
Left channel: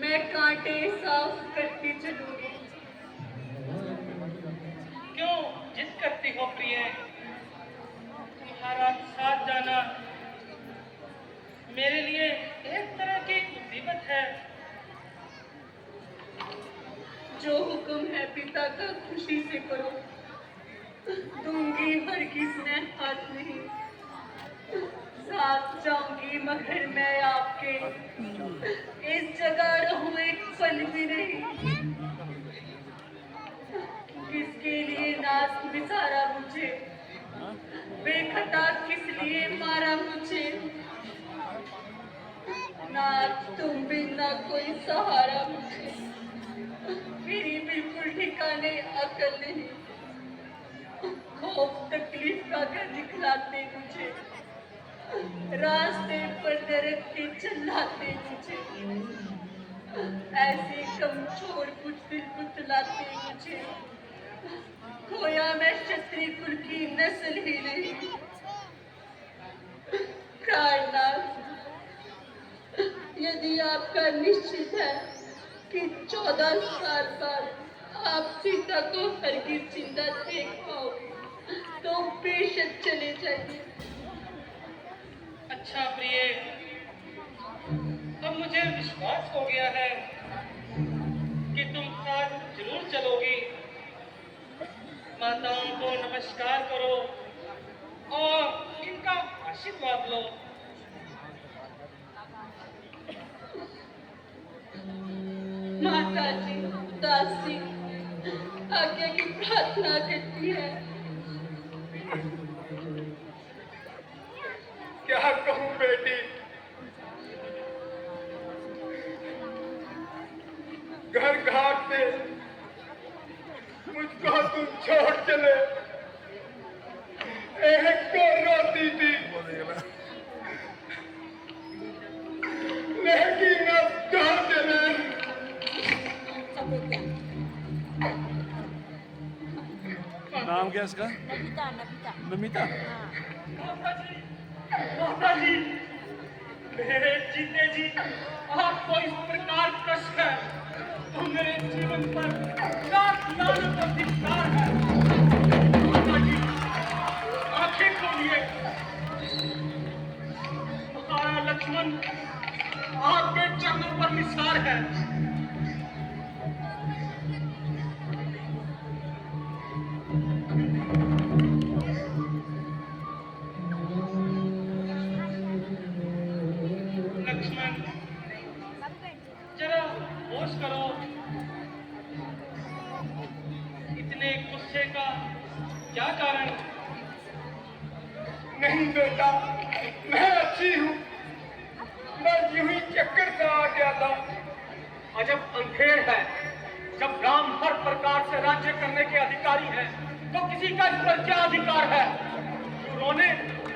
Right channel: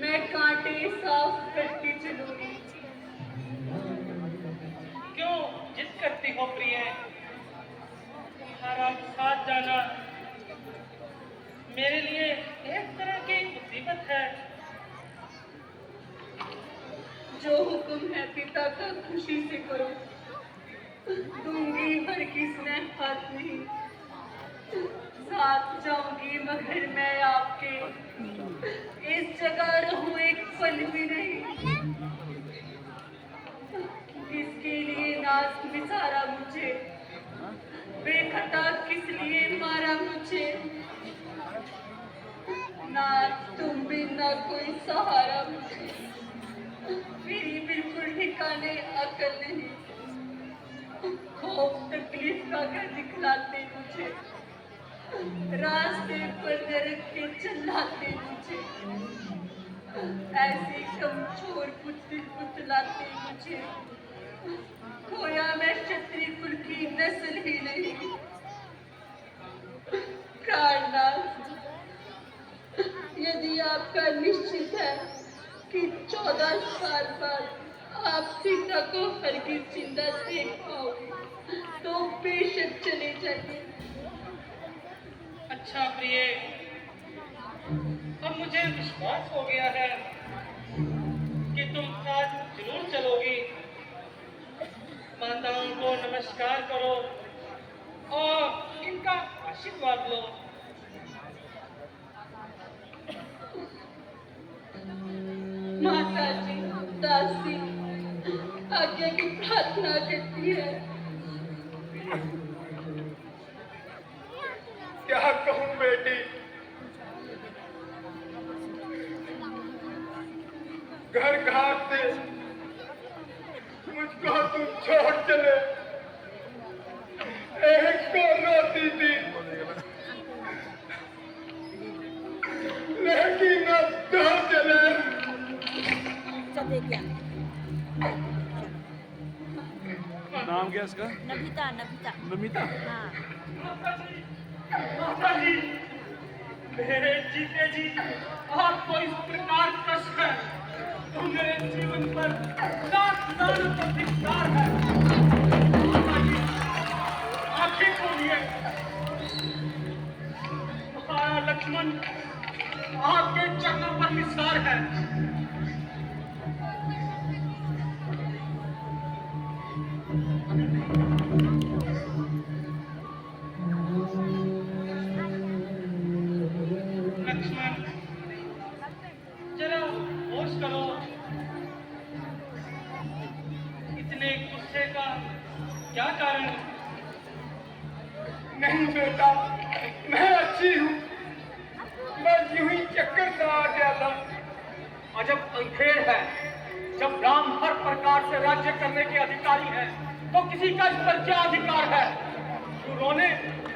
मैं कांटे साफ करती चलूंगी। क्यों जिद करती हो प्रिय? तुम्हारा साथ जाना मेरे लिए एक तरह की मुसीबत है। जो हुक्म है पिता का खुशी से करो, दूंगी हर किसने हाथ नहीं। साथ जाऊंगी मगर मैं आपके इस जगह रहूं एक पल भी नहीं। किसके लिए नाज बिसारा मुझे, बेखता किस लिए मारा मुझे। ना तुम भी ना कोई सहारा मुझे, मेरी बिल्कुल ठिकाने अकल नहीं। खौफ तकलीफ का घर दिखलाते मुझे, रास्ते पर नरक के चिल्लाते मुझे। ऐसे कमजोर पुतल पुतलाते मुझे, खोया मैं क्षत्रिय कुल की नस्ल ही नहीं। प्राणनाथ, यदि आपका निश्चित है कि 14 साल बाद आप सीता को हरगिज जिंदा देख पाओगे तो बेशक चले जाइए। अच्छा प्रिय, अब मुझे विश्वास हो गया है कि तुम आज जरूर चलोगी। माताओं को नमस्कार करो और इनका आशीर्वाद लो। माता जी दासी आज्ञा की प्रार्थना करती है। क्या कहूं बेटी, घर घाट से मुझको तुम छोड़ चले, एक को रोती थी, लेकिन अब तो चले। नाम क्या इसका? नमिता नमिता नमिता। हाँ माता जी, मेरे जीते जी आपको इस प्रकार कष्ट है तो मेरे जीवन पर लाख लानत का धिक्कार है। माता जी, आंखें खोलिए। हमारा लक्ष्मण आपके चरणों पर निसार है। लक्ष्मण, जरा होश करो। इतने गुस्से का क्या कारण? नहीं बेटा, मैं अच्छी हूँ। मैं यूं ही चक्कर से आ गया था। अजब अंधेर है। जब राम हर प्रकार से राज्य करने के अधिकारी हैं, तो किसी का इस पर क्या अधिकार है? रोने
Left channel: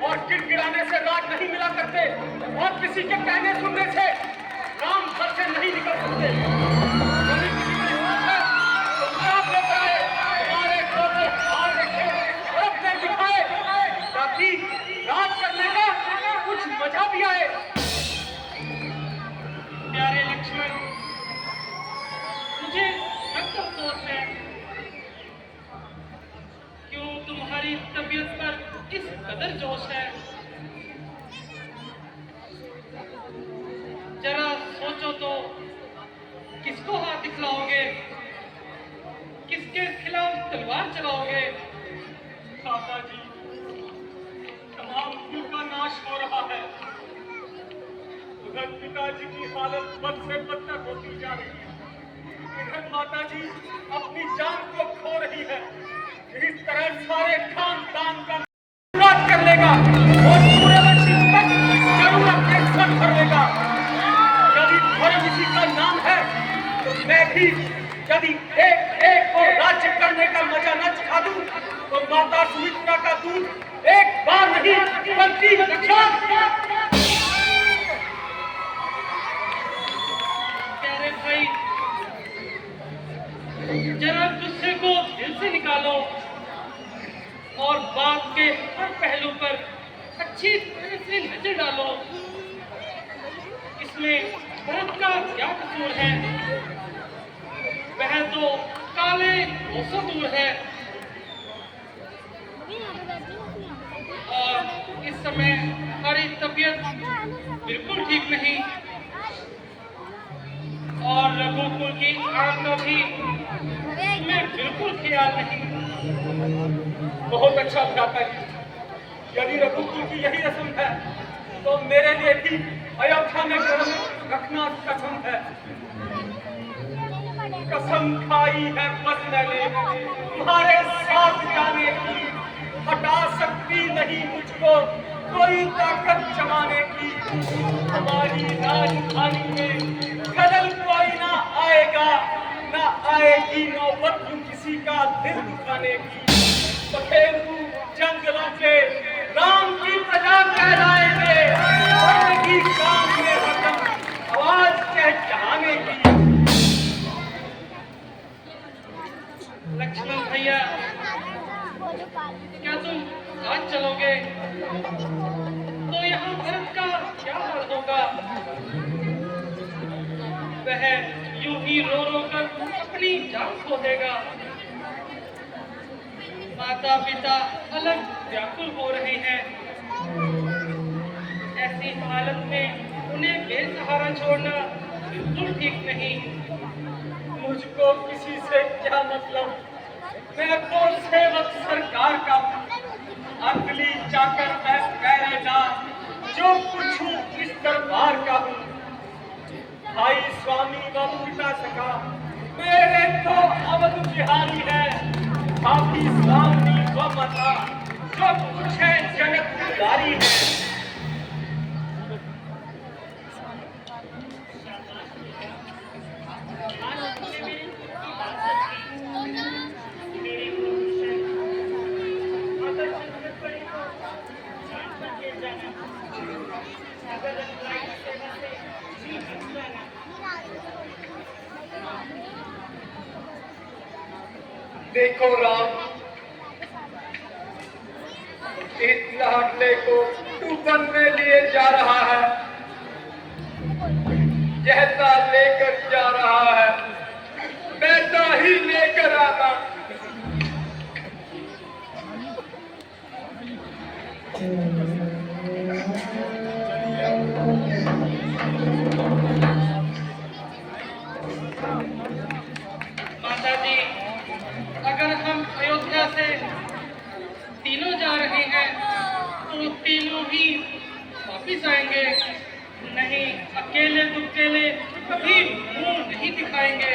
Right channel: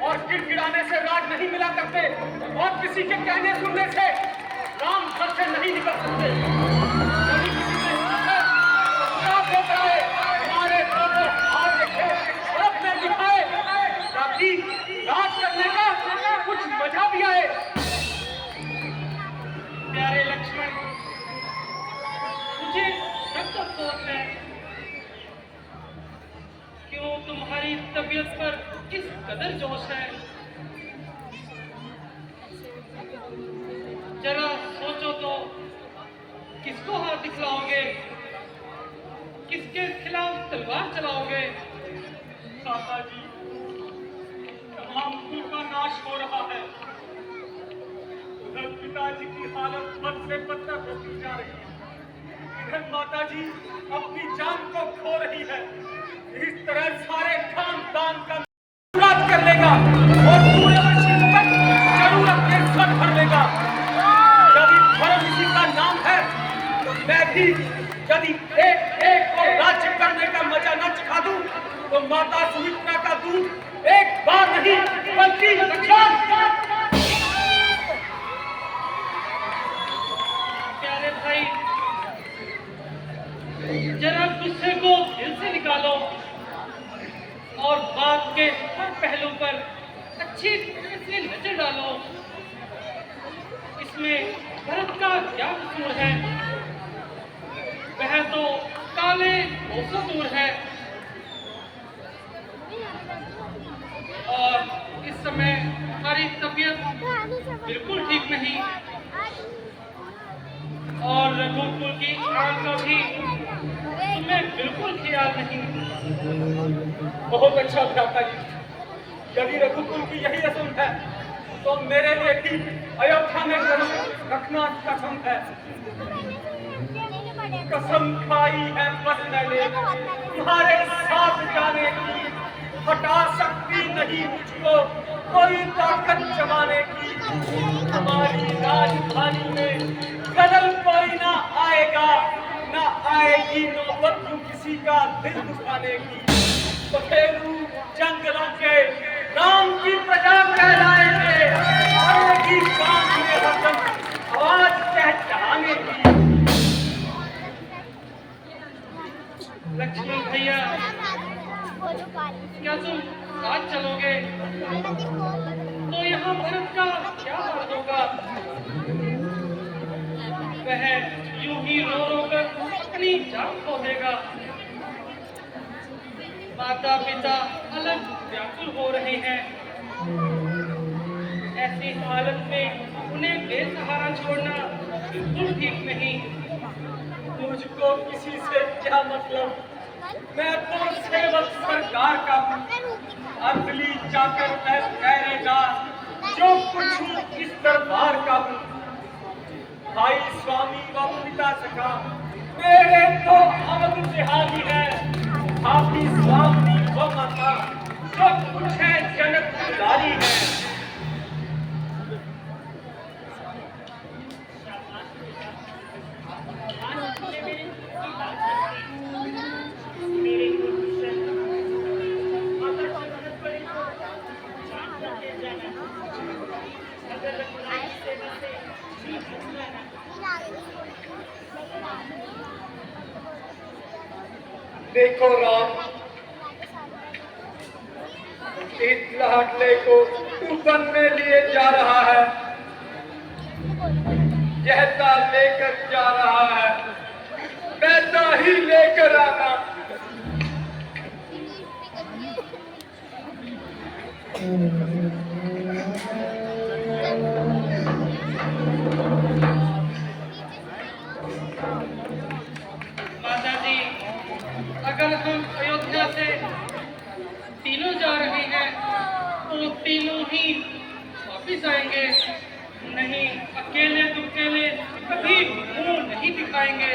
और गिड़गिड़ाने से राज नहीं मिला करते, और किसी के कहने सुनने से राम घर से नहीं निकल सकते। यदि किसी ने अपराध बताए, हमारे को हार देखे और अपने दिखाए, ताकि राज करने का कुछ मजा भी आए। प्यारे लक्ष्मण, मुझे सख्त अफसोस है। क्यों तुम्हारी तबीयत पर इस कदर जोश है? जरा सोचो तो, किसको हाथ दिखलाओगे? किसके खिलाफ तलवार चलाओगे? माता जी, तमाम कुल का नाश हो रहा है। उधर पिताजी की हालत बद से बदतर होती जा रही है। इधर माता जी अपनी जान को खो रही है। इस तरह सारे खानदान का नाश कर लेगा और पूरे आशिक तक जन्नत के सर भर लेगा। यदि धर्म इसी का नाम है, तो मैं भी यदि एक एक को राज्य करने का मजा न चखा दूं, तो माता सुमित्रा का दूध एक बार नहीं बल्कि प्यारे भाई, जरा गुस्से को दिल से निकालो और बात के हर पहलू पर अच्छी तरह से नजर डालो। इसमें भरत का क्या कसूर है? वह तो काले कोसों दूर है, और इस समय हमारी तबीयत बिल्कुल ठीक नहीं, और रघुकुल की आग का भी तुम्हें बिल्कुल ख्याल नहीं। बहुत अच्छा भ्राता जी। यदि रघुकुल की यही रस्म है, तो मेरे लिए भी अयोध्या में जन्म रखना कसम है। कसम खाई है बस मैंने तुम्हारे साथ जाने की। हटा सकती नहीं मुझको कोई ताकत जमाने की। हमारी राजधानी में खलल कोई ना आएगा, ना आएगी नौबत किसी का दिल दुखाने की। पखेरू जंगलों के राम की प्रजा कहलाएंगे, आएगी काम में हरदम आवाज कहलाने की। लक्ष्मण भैया, क्या तुम आज चलोगे? तो यहाँ भरत का क्या हाल होगा? वह यूं ही रो रो कर अपनी जान खो देगा। माता पिता अलग व्याकुल हो रहे हैं। ऐसी हालत में उन्हें बेसहारा छोड़ना बिल्कुल ठीक नहीं। मुझको किसी से क्या मतलब? मैं तो सेवक सरकार का हूँ। अंजलि जाकर मैं पहरेदार जो कुछ हूँ इस दरबार का हूँ। भाई स्वामी व पिता सखा मेरे तो अवध बिहारी है। आपकी स्वामी व माता सब कुछ है जगत गुजारी है। देखो राम, इस लाडले को तूफान में लिए जा रहा है। जैसा लेकर जा रहा है वैसा ही लेकर आना। वापिस आएंगे, नहीं अकेले दुकेले कभी मुंह नहीं दिखाएंगे।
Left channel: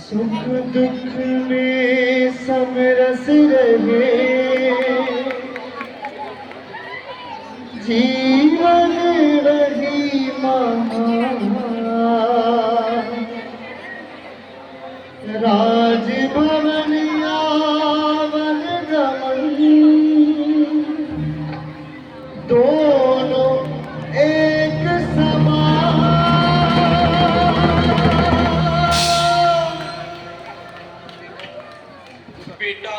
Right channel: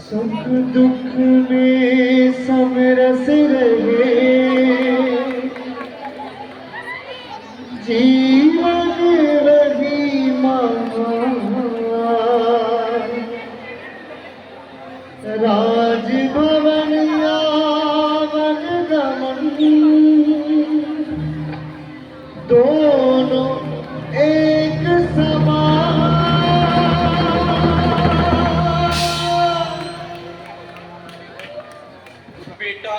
सुख दुख में सब रस रहे, जीवन रही महा, राजभवन यावन गमन, दोनों एक समान। बेटा,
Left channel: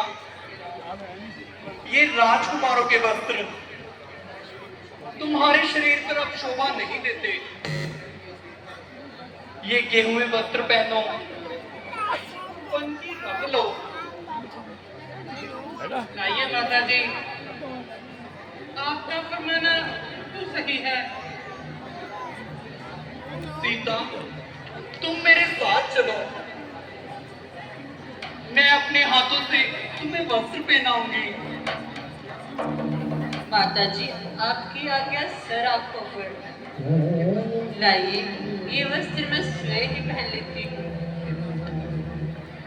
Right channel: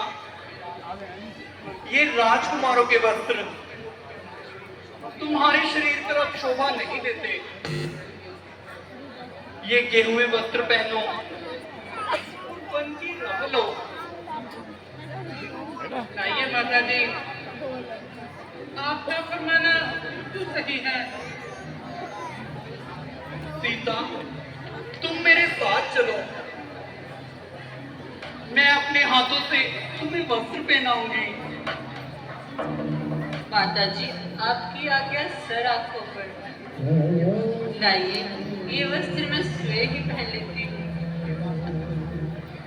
ये राजकुमारों के वस्त्र तुम्हारे शरीर पर अब शोभा नहीं देते। ये गेहुए वस्त्र पहनो, पंची रह लो। लाइए माता जी, आपका फरमाना तो सही है। सीता, तुम मेरे साथ चलो, मैं अपने हाथों से तुम्हें वस्त्र पहनाऊंगी। माता जी, आपकी आज्ञा सर आंखों पर। लाइए, ये वस्त्र मैं स्वयं ही पहन लेती हूँ।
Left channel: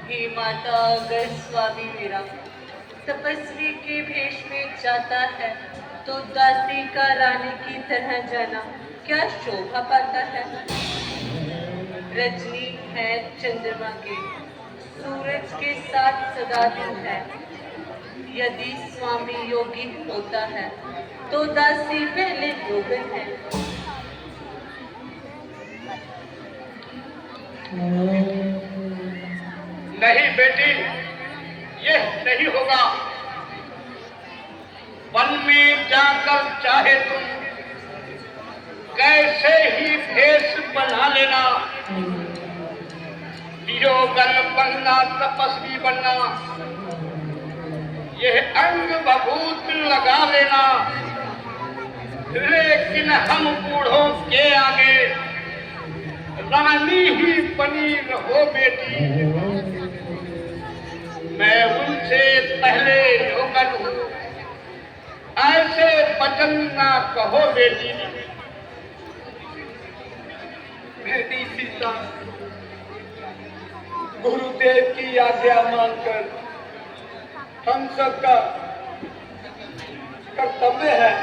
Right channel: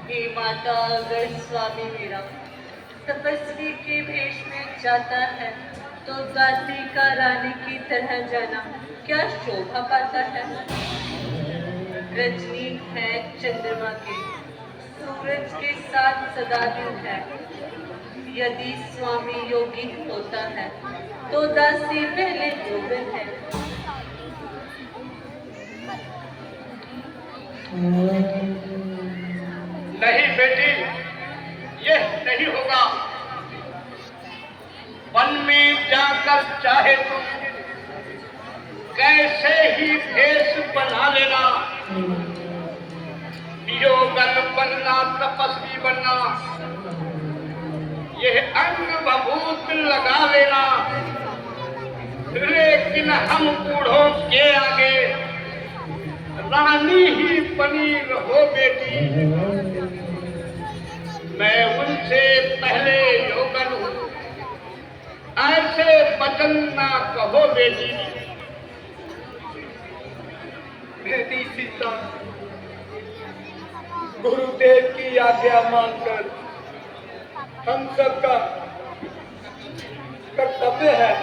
हे माता, अगर स्वामी मेरा तपस्वी के भेष में जाता है तो दासी का रानी की तरह जाना क्या शोभा पाता है। रजनी है चंद्रमा की, सूरज के साथ सदा दिन है। यदि स्वामी योगी होता है तो दासी पहले गोविंद है। नहीं बेटी, ये नहीं होगा। वन में जाकर चाहे तुम कैसे ही भेष बना लेना, योगन बनना, तपस्वी बनना, यह अंग बभूत लगा लेना, लेकिन हम बूढ़ों के आगे रानी ही बनी रहो बेटी। मैं उनसे पहले योगन हूँ, ऐसे वचन ना कहो बेटी। बेटी सीता, गुरुदेव की आज्ञा मानकर हम सबका कर्तव्य है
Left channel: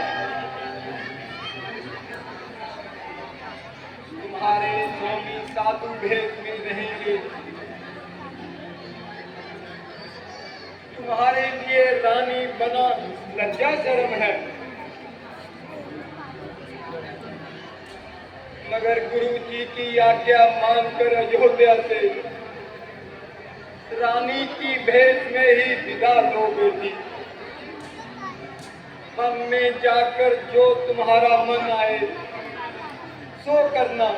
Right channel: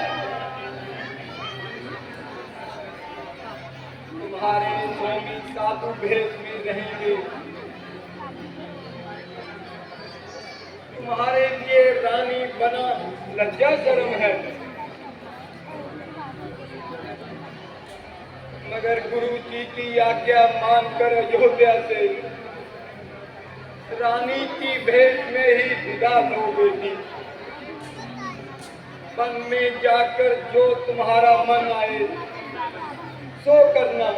तुम्हारे स्वामी साधु भेष में रहेंगे। तुम्हारे लिए रानी बना लज्जा शर्म है, मगर गुरु जी की आज्ञा मानकर अयोध्या से रानी की भेष में ही विदा लो बेटी। वन में जाकर जो तुम्हारा मन आए सो करना।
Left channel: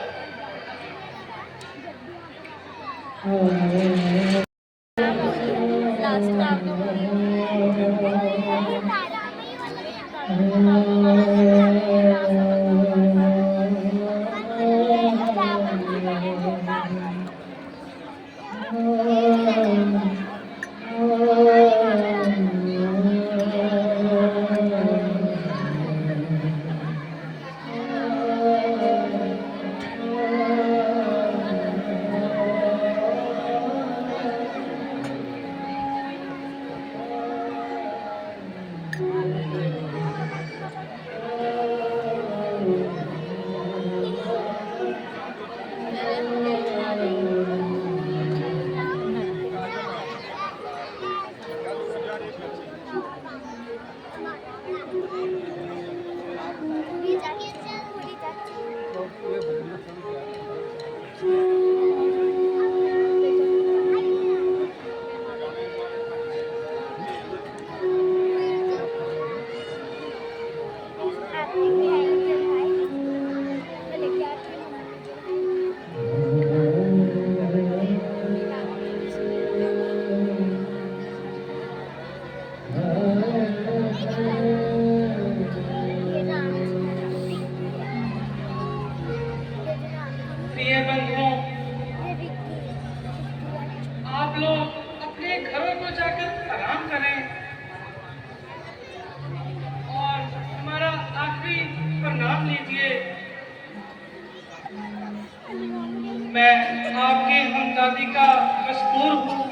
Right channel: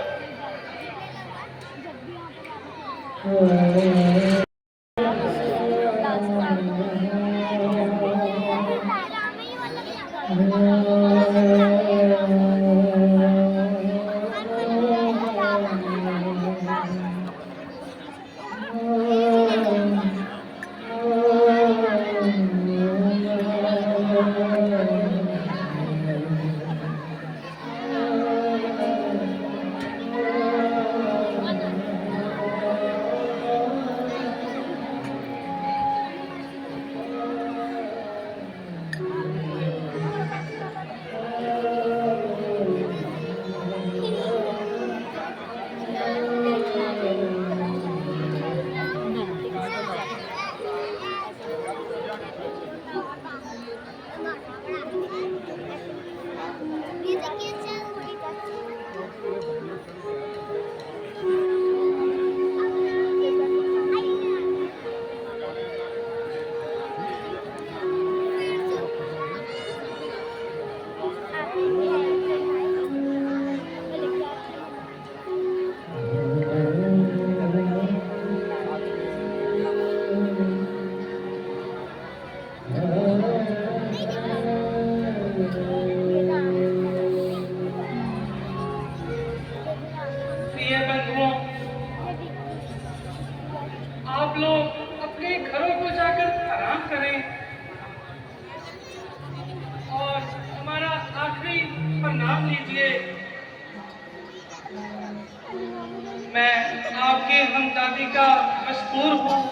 मजबूर हूँ,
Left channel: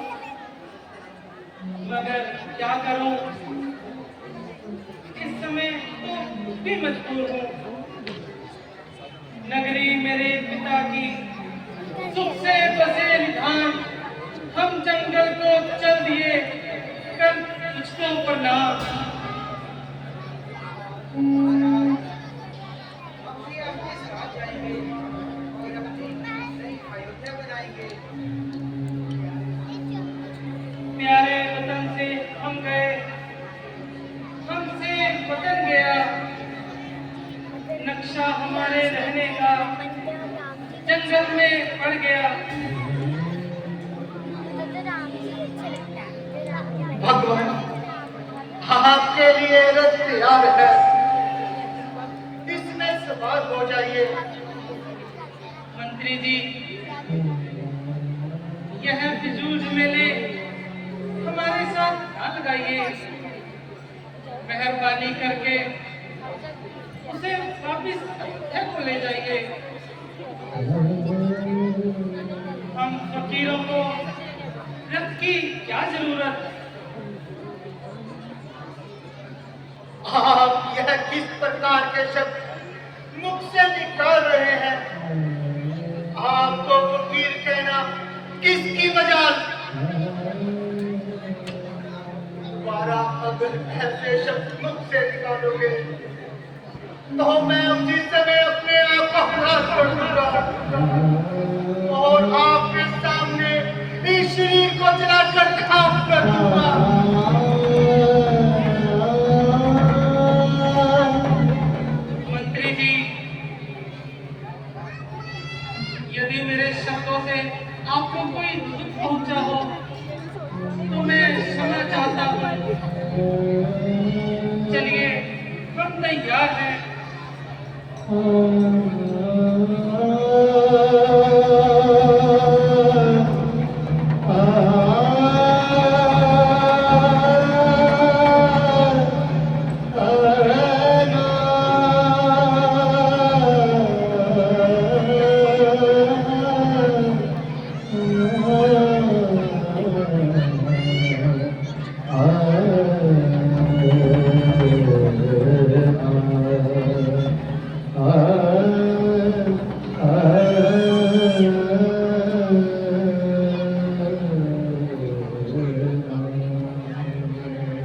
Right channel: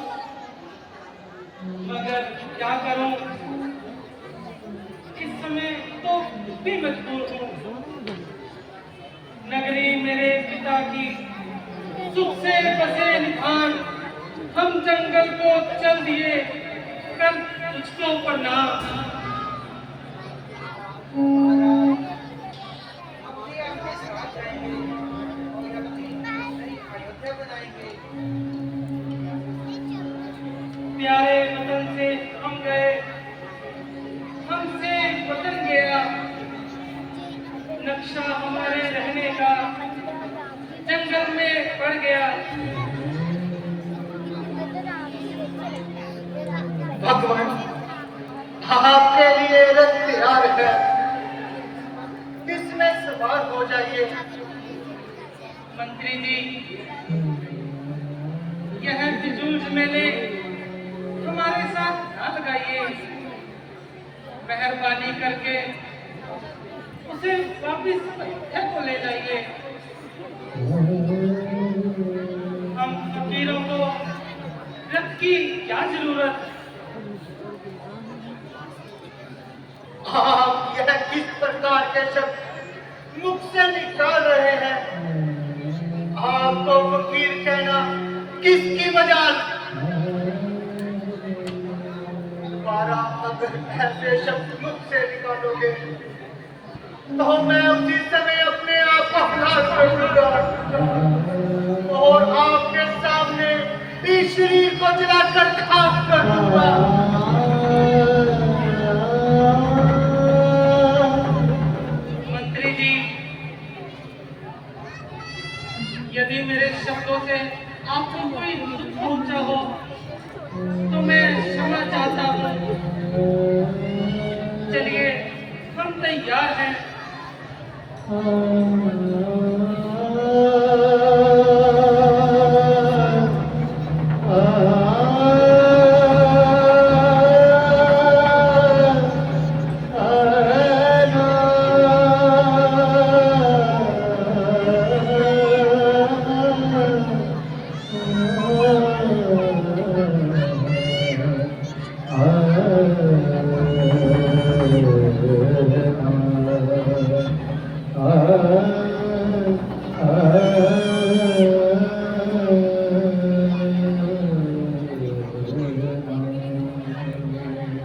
मगर क्या करूं, इस समय तो भी मजबूर हूँ। नगरी मेरे पिता की सुख से बसे निधान, हम जंगल को चल दिए कर कुछों पर नाम। प्यारे वतन से हम गए, हमसे वतन गया, नक्शा हमारे रहने का जंगल में पड़ गया। भगवान आपके लिए रथ तैयार है, इसमें सवार हो जाइए। मंत्री जी, यह फिजूल मेले हमारे साथ ना लगाइए, मेहरबानी करके उसे वापिस अयोध्या को ले जाइए। हम फकीरों को रथ की क्या जरूरत। आप यह किस प्रकार के शब्द मुख से निकाल रहे हैं? आपको फकीर कहना किसकी मजाल? दोबारा अगर ऐसे शब्द मुख से निकालोगे तो मैं उसी समय अपने आप को खलास कर दूंगा और आपके सामने इस शरीर को जलाकर खाक कर दूंगा। मंत्री जी, यदि मेरे शब्दों से आपको कोई दुख पहुंचा हो तो मैं क्षमा चाहता हूँ। चलिए, हम तैयार हैं।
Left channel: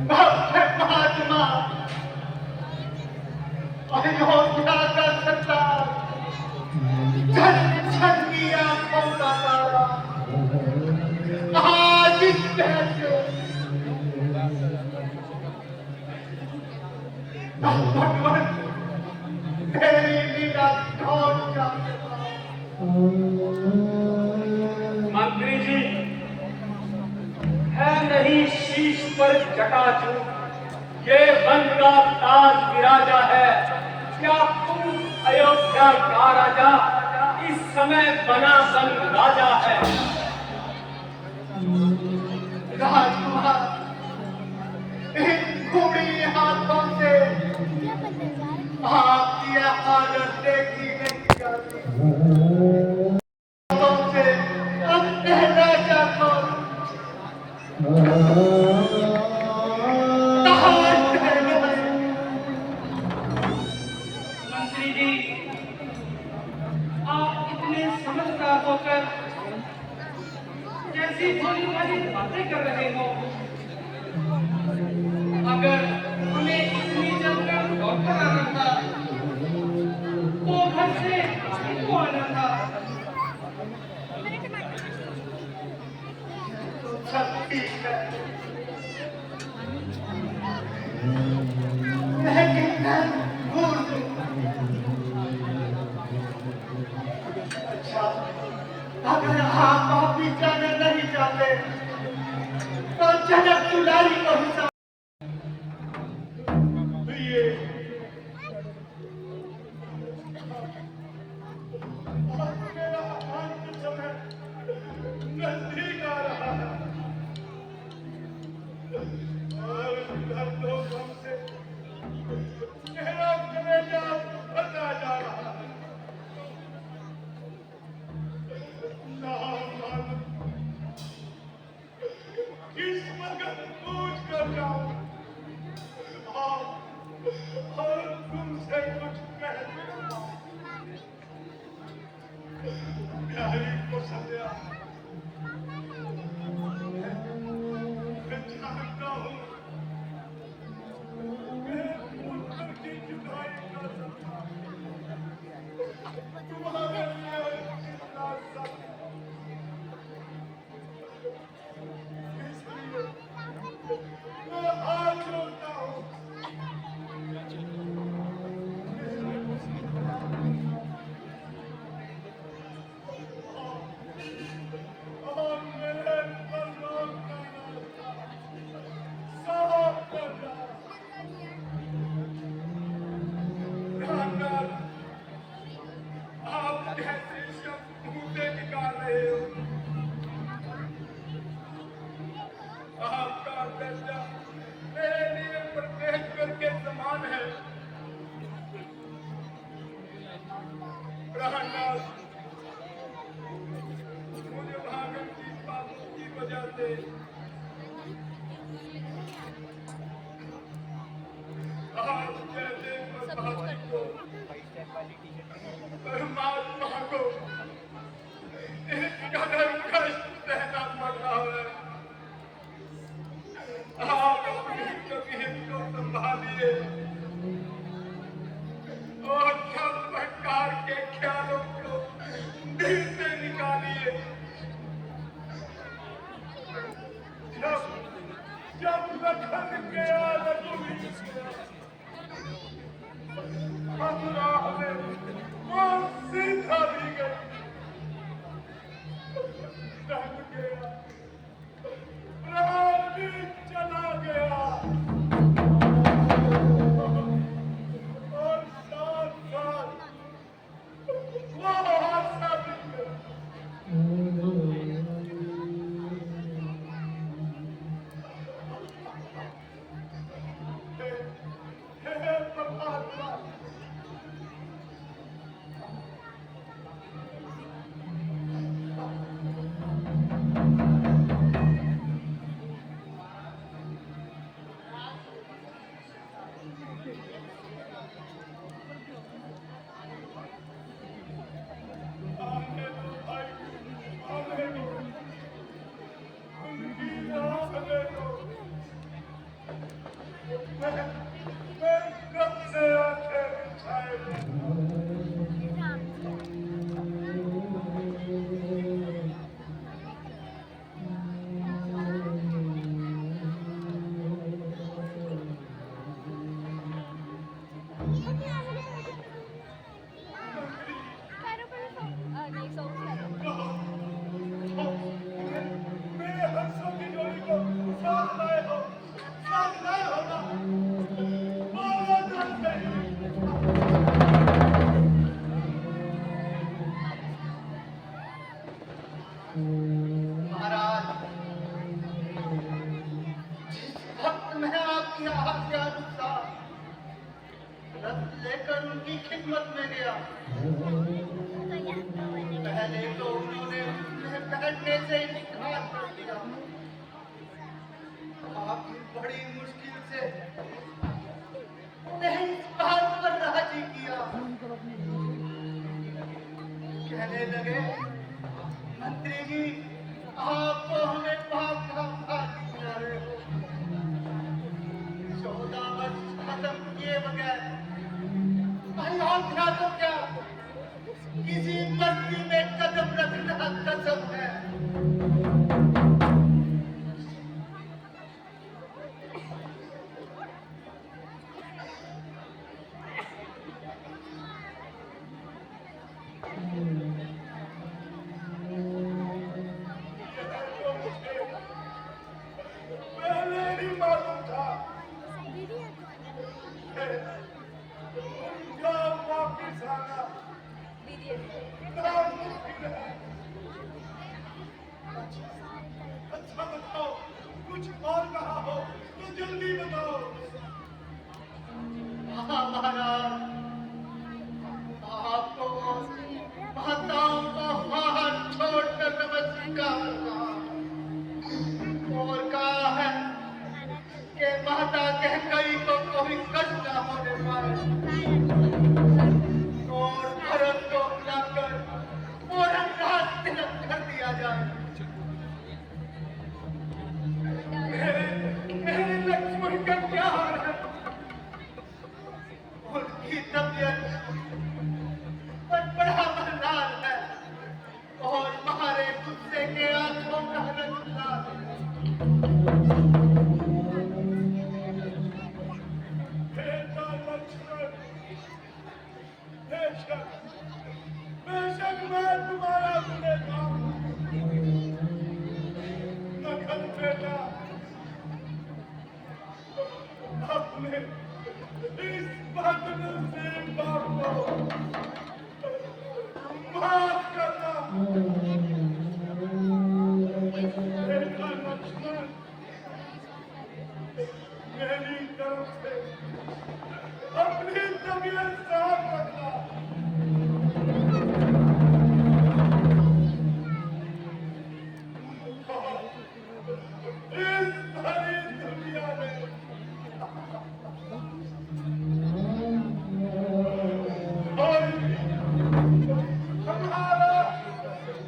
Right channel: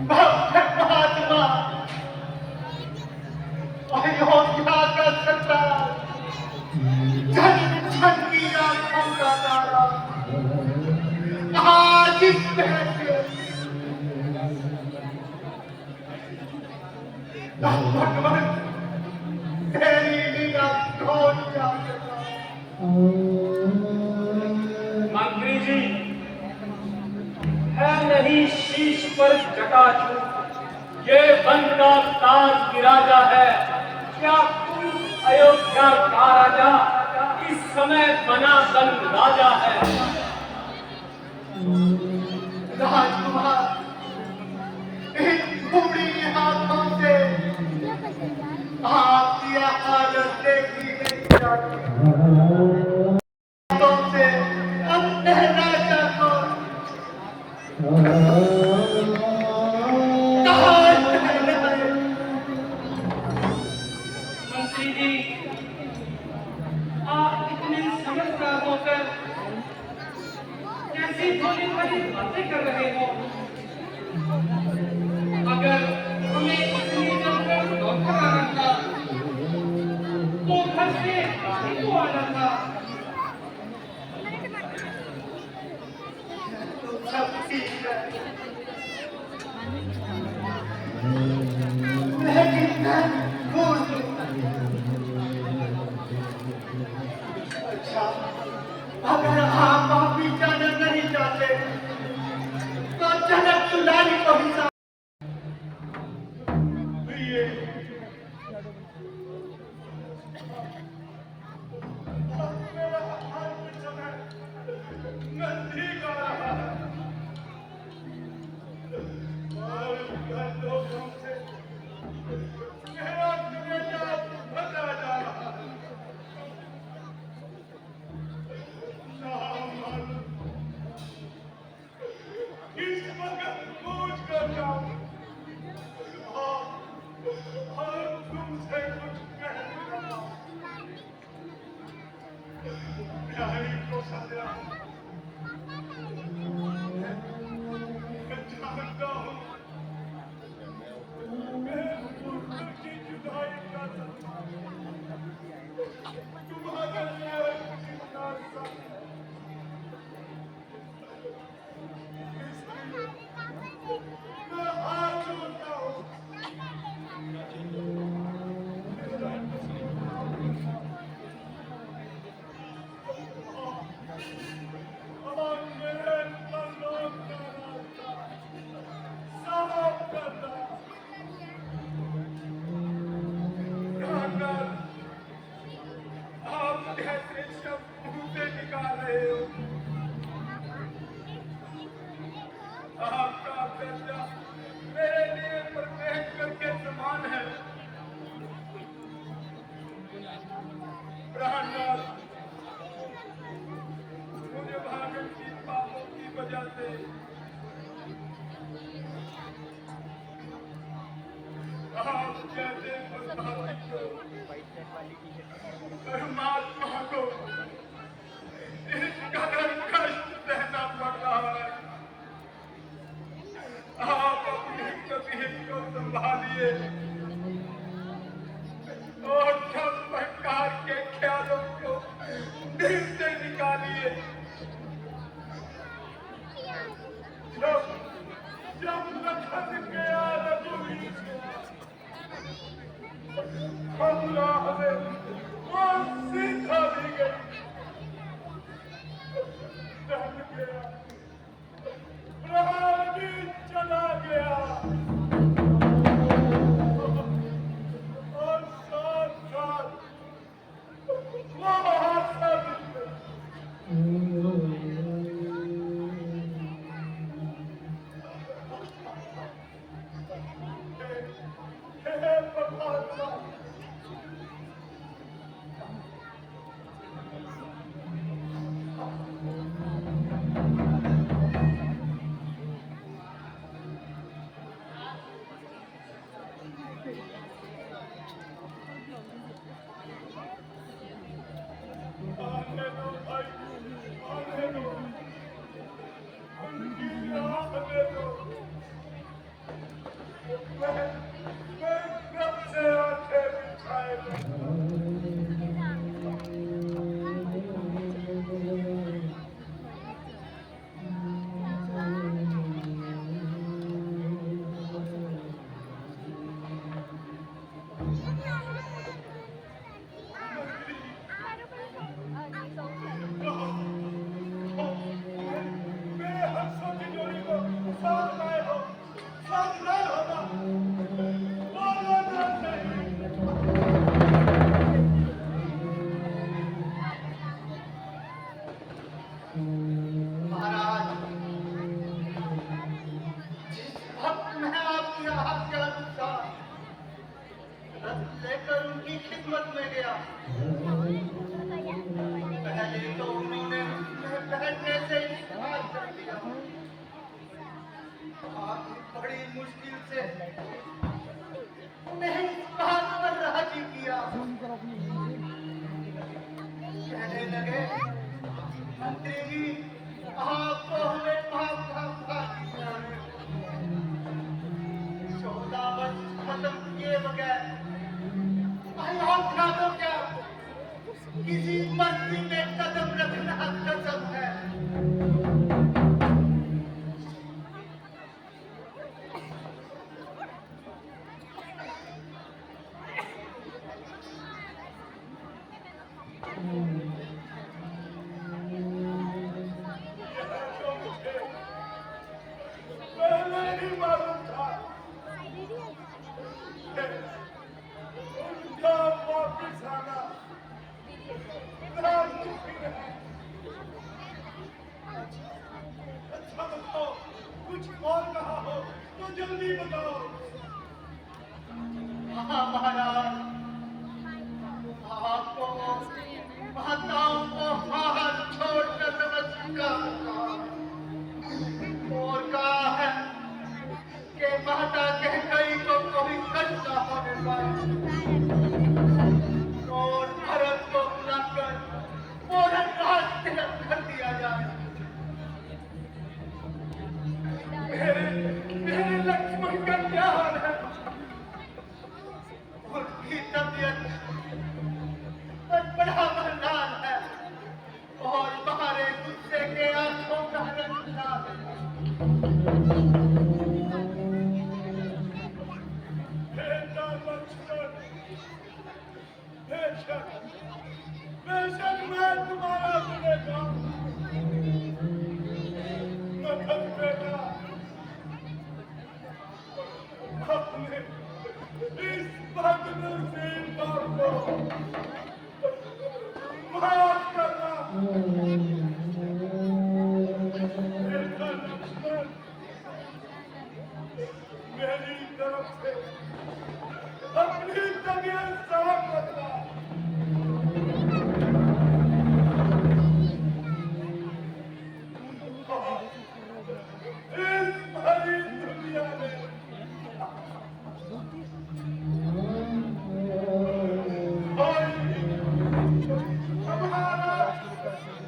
महात्मा अयोध्या का सरदार, छन छन की आंखों का तारा, आज इस कैसे भगवान तेरी लीला कौन जानता। मंत्री जी, है नहीं शीश पर जटाजूट, ये वन का ताज विराजा है। क्या तुम अयोध्या का राजा इस समय बना बन राजा है? राजकुमार, इन बूढ़ी हाथों से आपकी हालत देखी नहीं जाती। हाथों से अब कहना चाहता मंत्री जी, आप इतने समझदार होकर कैसी भोली भाली बातें कर रहे हो। अगर हमें इतनी जमकर डॉक्टर आना था तो घर से काहे को आना था। सब ठीक है, लेकिन मैं भूल गया। अच्छा, अगर आप वापिस जाना नहीं चाहते तो जनक दुलारी को ही ये मेरा अंत समय नजदीक आ रहा है और दर्दों गम से मेरा कलेजा फटा जा रहा है। हे परमात्मा, आने दो भाई, आने दो, उनकी आने दो। मैं कब से आंखें बिछाए हूँ। मेरे हंसों की जोड़ी को साथ लाए हो ना? बोलो तो सही। महाराज, जिस वक्त मैं आपकी आज्ञा अनुसार रथ लेकर उनकी खिदमत में गया, पहले तो उन्होंने उसमें बैठने से इनकार कर दिया। आपने बड़ी मुश्किल से उन्हें इस बात पर राजी किया। कहने लगे, मंत्री जी, आप तो हमें पाप का फांसी दिला रहे हो। 14 वर्ष खत्म किए बगैर कहीं और था तो क्या? किसी बस्ती में कदम रखना कसम है। यह तो मुझे पहले ही मालूम था। उनका वापिस आना नामुमकिन है। अच्छा बताओ, कुछ और कहा हो तो जल्दी बताओ। हाँ महाराज, आपको माताओं को हाथ छोड़कर नमस्कार और कहा है कि माता के कई को कोई कष्ट न होने पाए। और भरत को बुलाकर पूरा रात तिलक कर दिया जाए। मेरे लक्ष्मण का क्या हाल है? उनकी तबीयत बड़ा मरदार है और तुम्हारे गुस्से के आंखों का रंग लाल है। बेटा लक्ष्मण, बेशक बेशक मैं तुम्हारा गुनहगार हूं, मगर बेटा अपने इस बदनसीब बाप को माफ करना। बेटा लक्ष्मण, मेरी तरफ से अपनी तबीयत साफ रखना। इस भरी दुनिया में कोई हमारा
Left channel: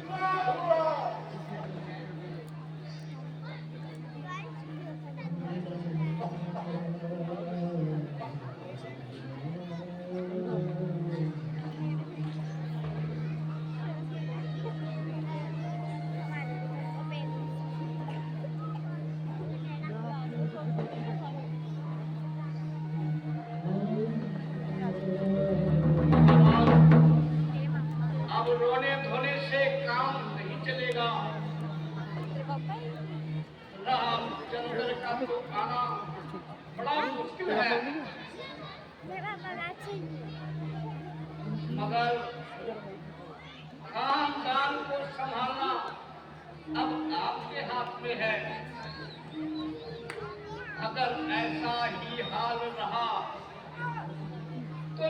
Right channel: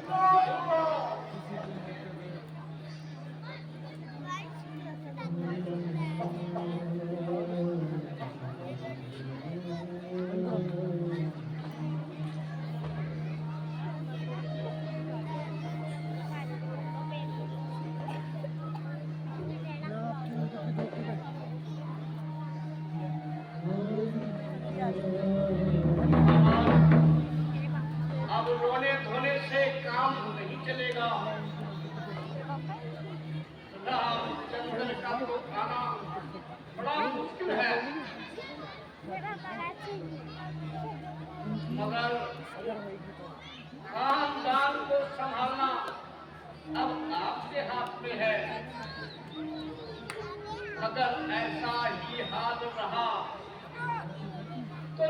मामा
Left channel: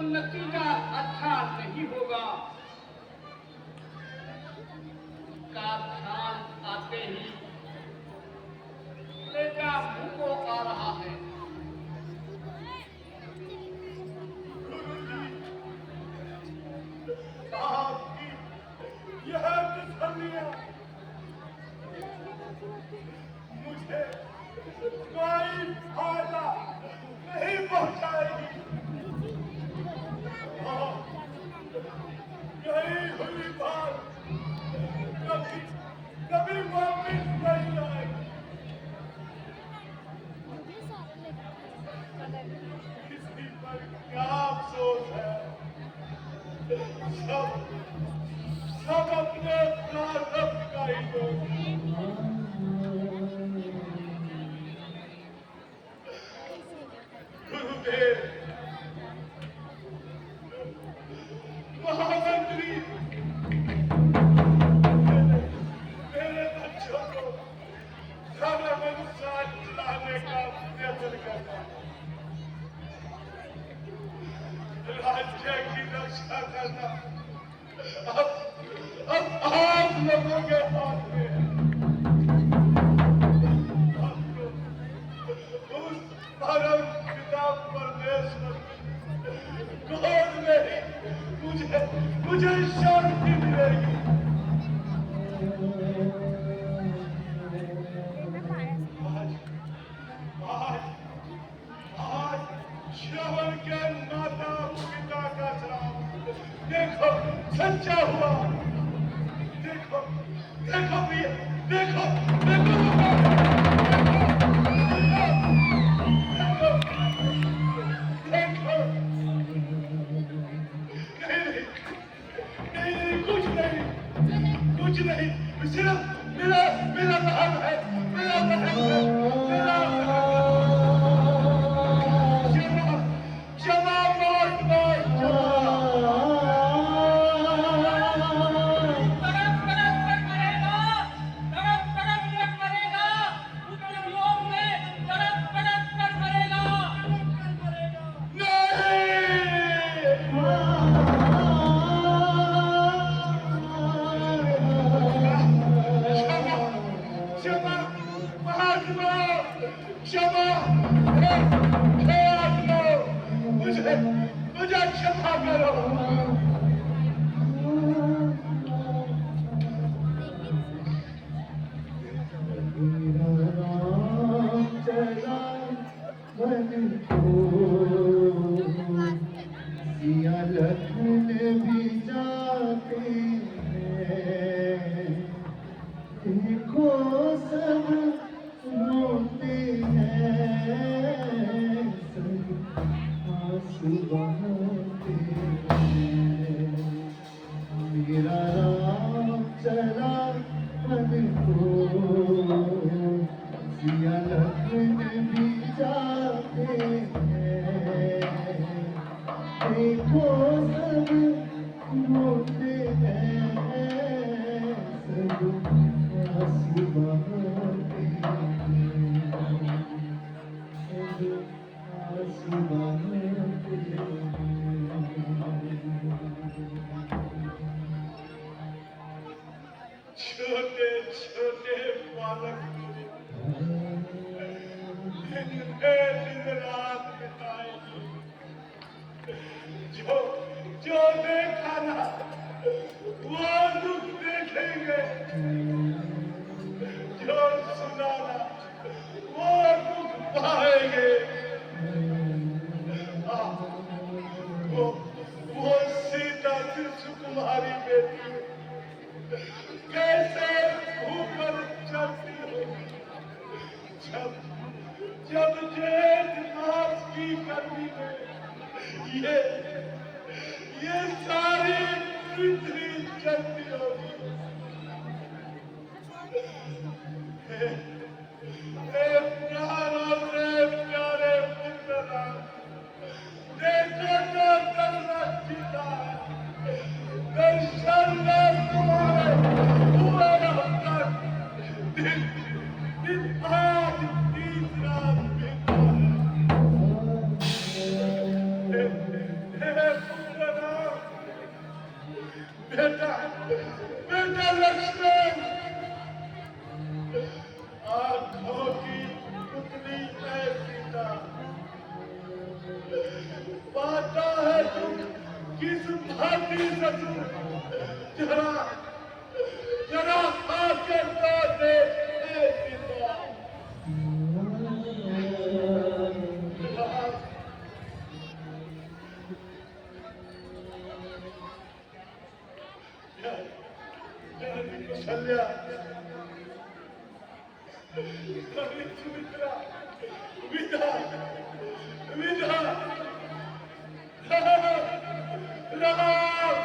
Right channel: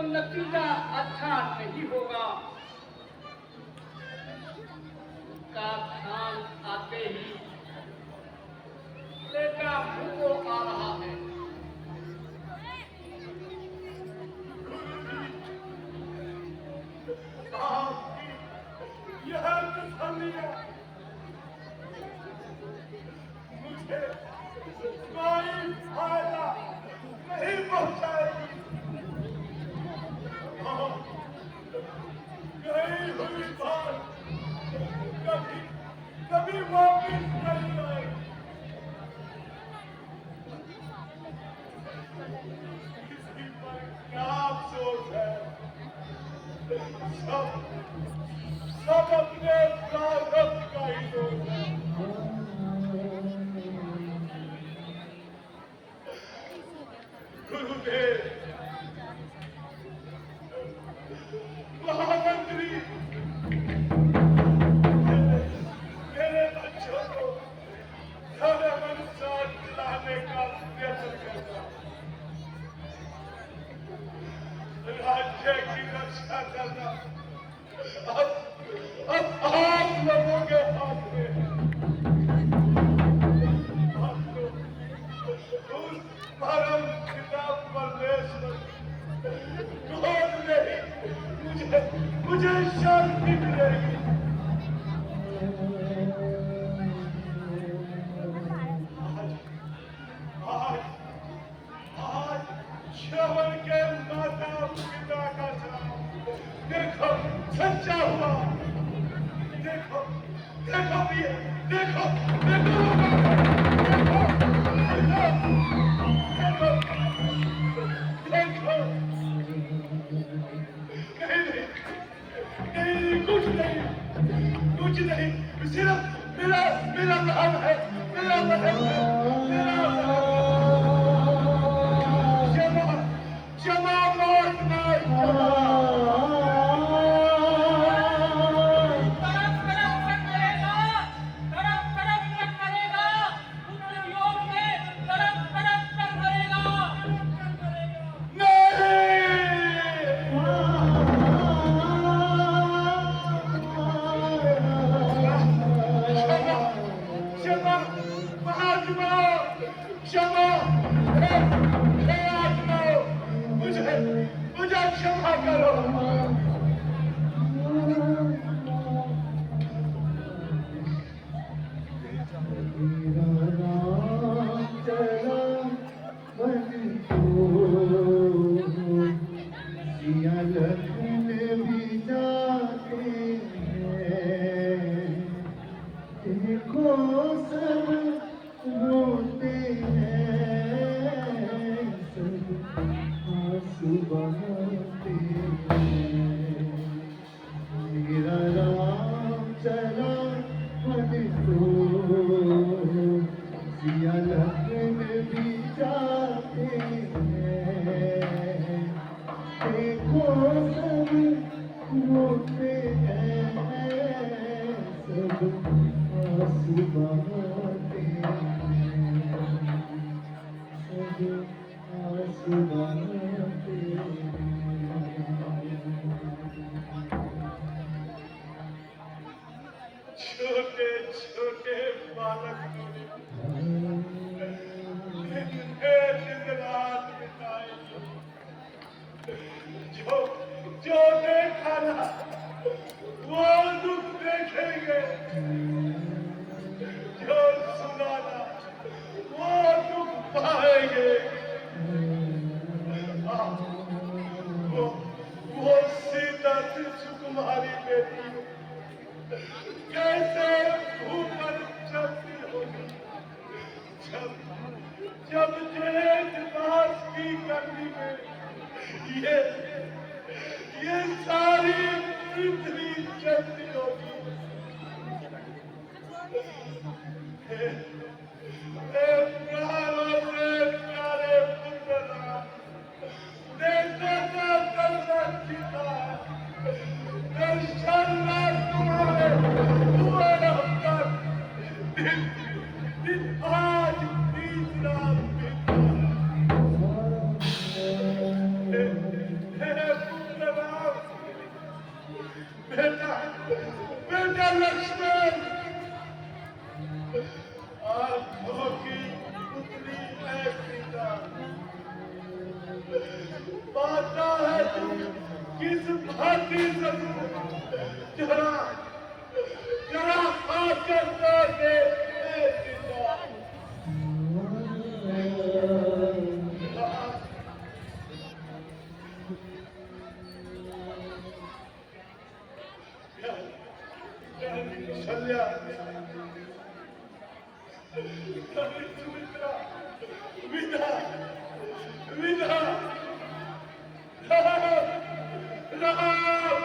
नतीजा अच्छा नहीं होगा। का ध्यान आते ही बेटा मुंह को आ रहा है। आपकी यह तसल्लियां मुझे कोई फायदा नहीं पहुंचाएगी। और गई हुई बात कभी कभी वापिस नहीं आएगी। किसी पर क्या अफसोस है, सब अपने प्रारब्ध का ही दोष है। गुरुदेव, महामंत्री, मेरे बच्चों को समय अनुसार लाने का प्रयत्न करना, राज्य की रक्षा करना अब आप लोगों के हाथ में है। आप लोग उस परम पिता परमेश्वर गोद में ही मुझे शांति मिलेगी। आज श्रवण के माता पिता का श्राप देखो सच्चा हुआ। देखो देखो भैया, देखो देखो नहीं, कुछ नहीं, सिर्फ मेरा बहन है, मेरा बहन है, मेरा बहन है। क्षमा मांगना, क्षमा मांगना, क्षमा मुझे क्षमा करो। छोटे छोटे बालक दिन रात बिताए, जो देखा ना वो दुख देखेंगे, जो सुना ना वो दुख पाएंगे। पाता है तू किस भांति सब जरा जरा आकर तो देख ए पिता। प्यारी कौशल्या, प्यारी सुमित्रा, विदा विदा। राम राम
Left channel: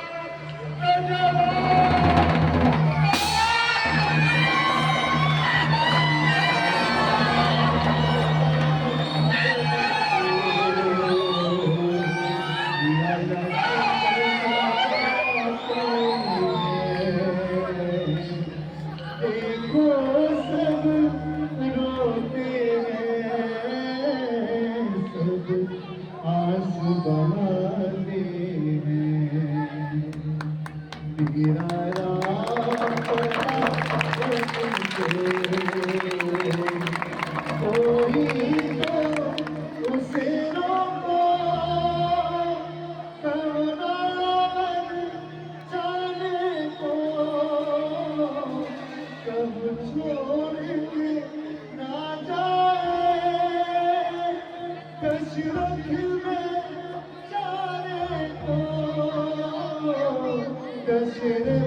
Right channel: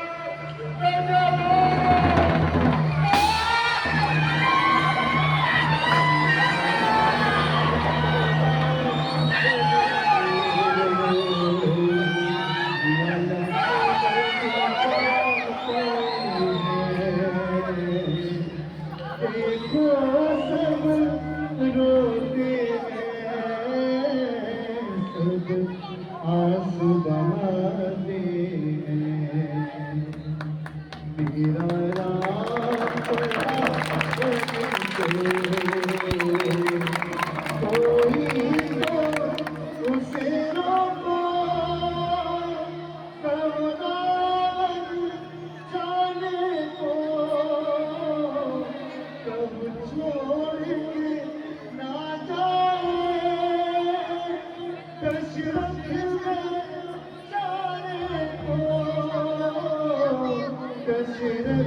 दशरथ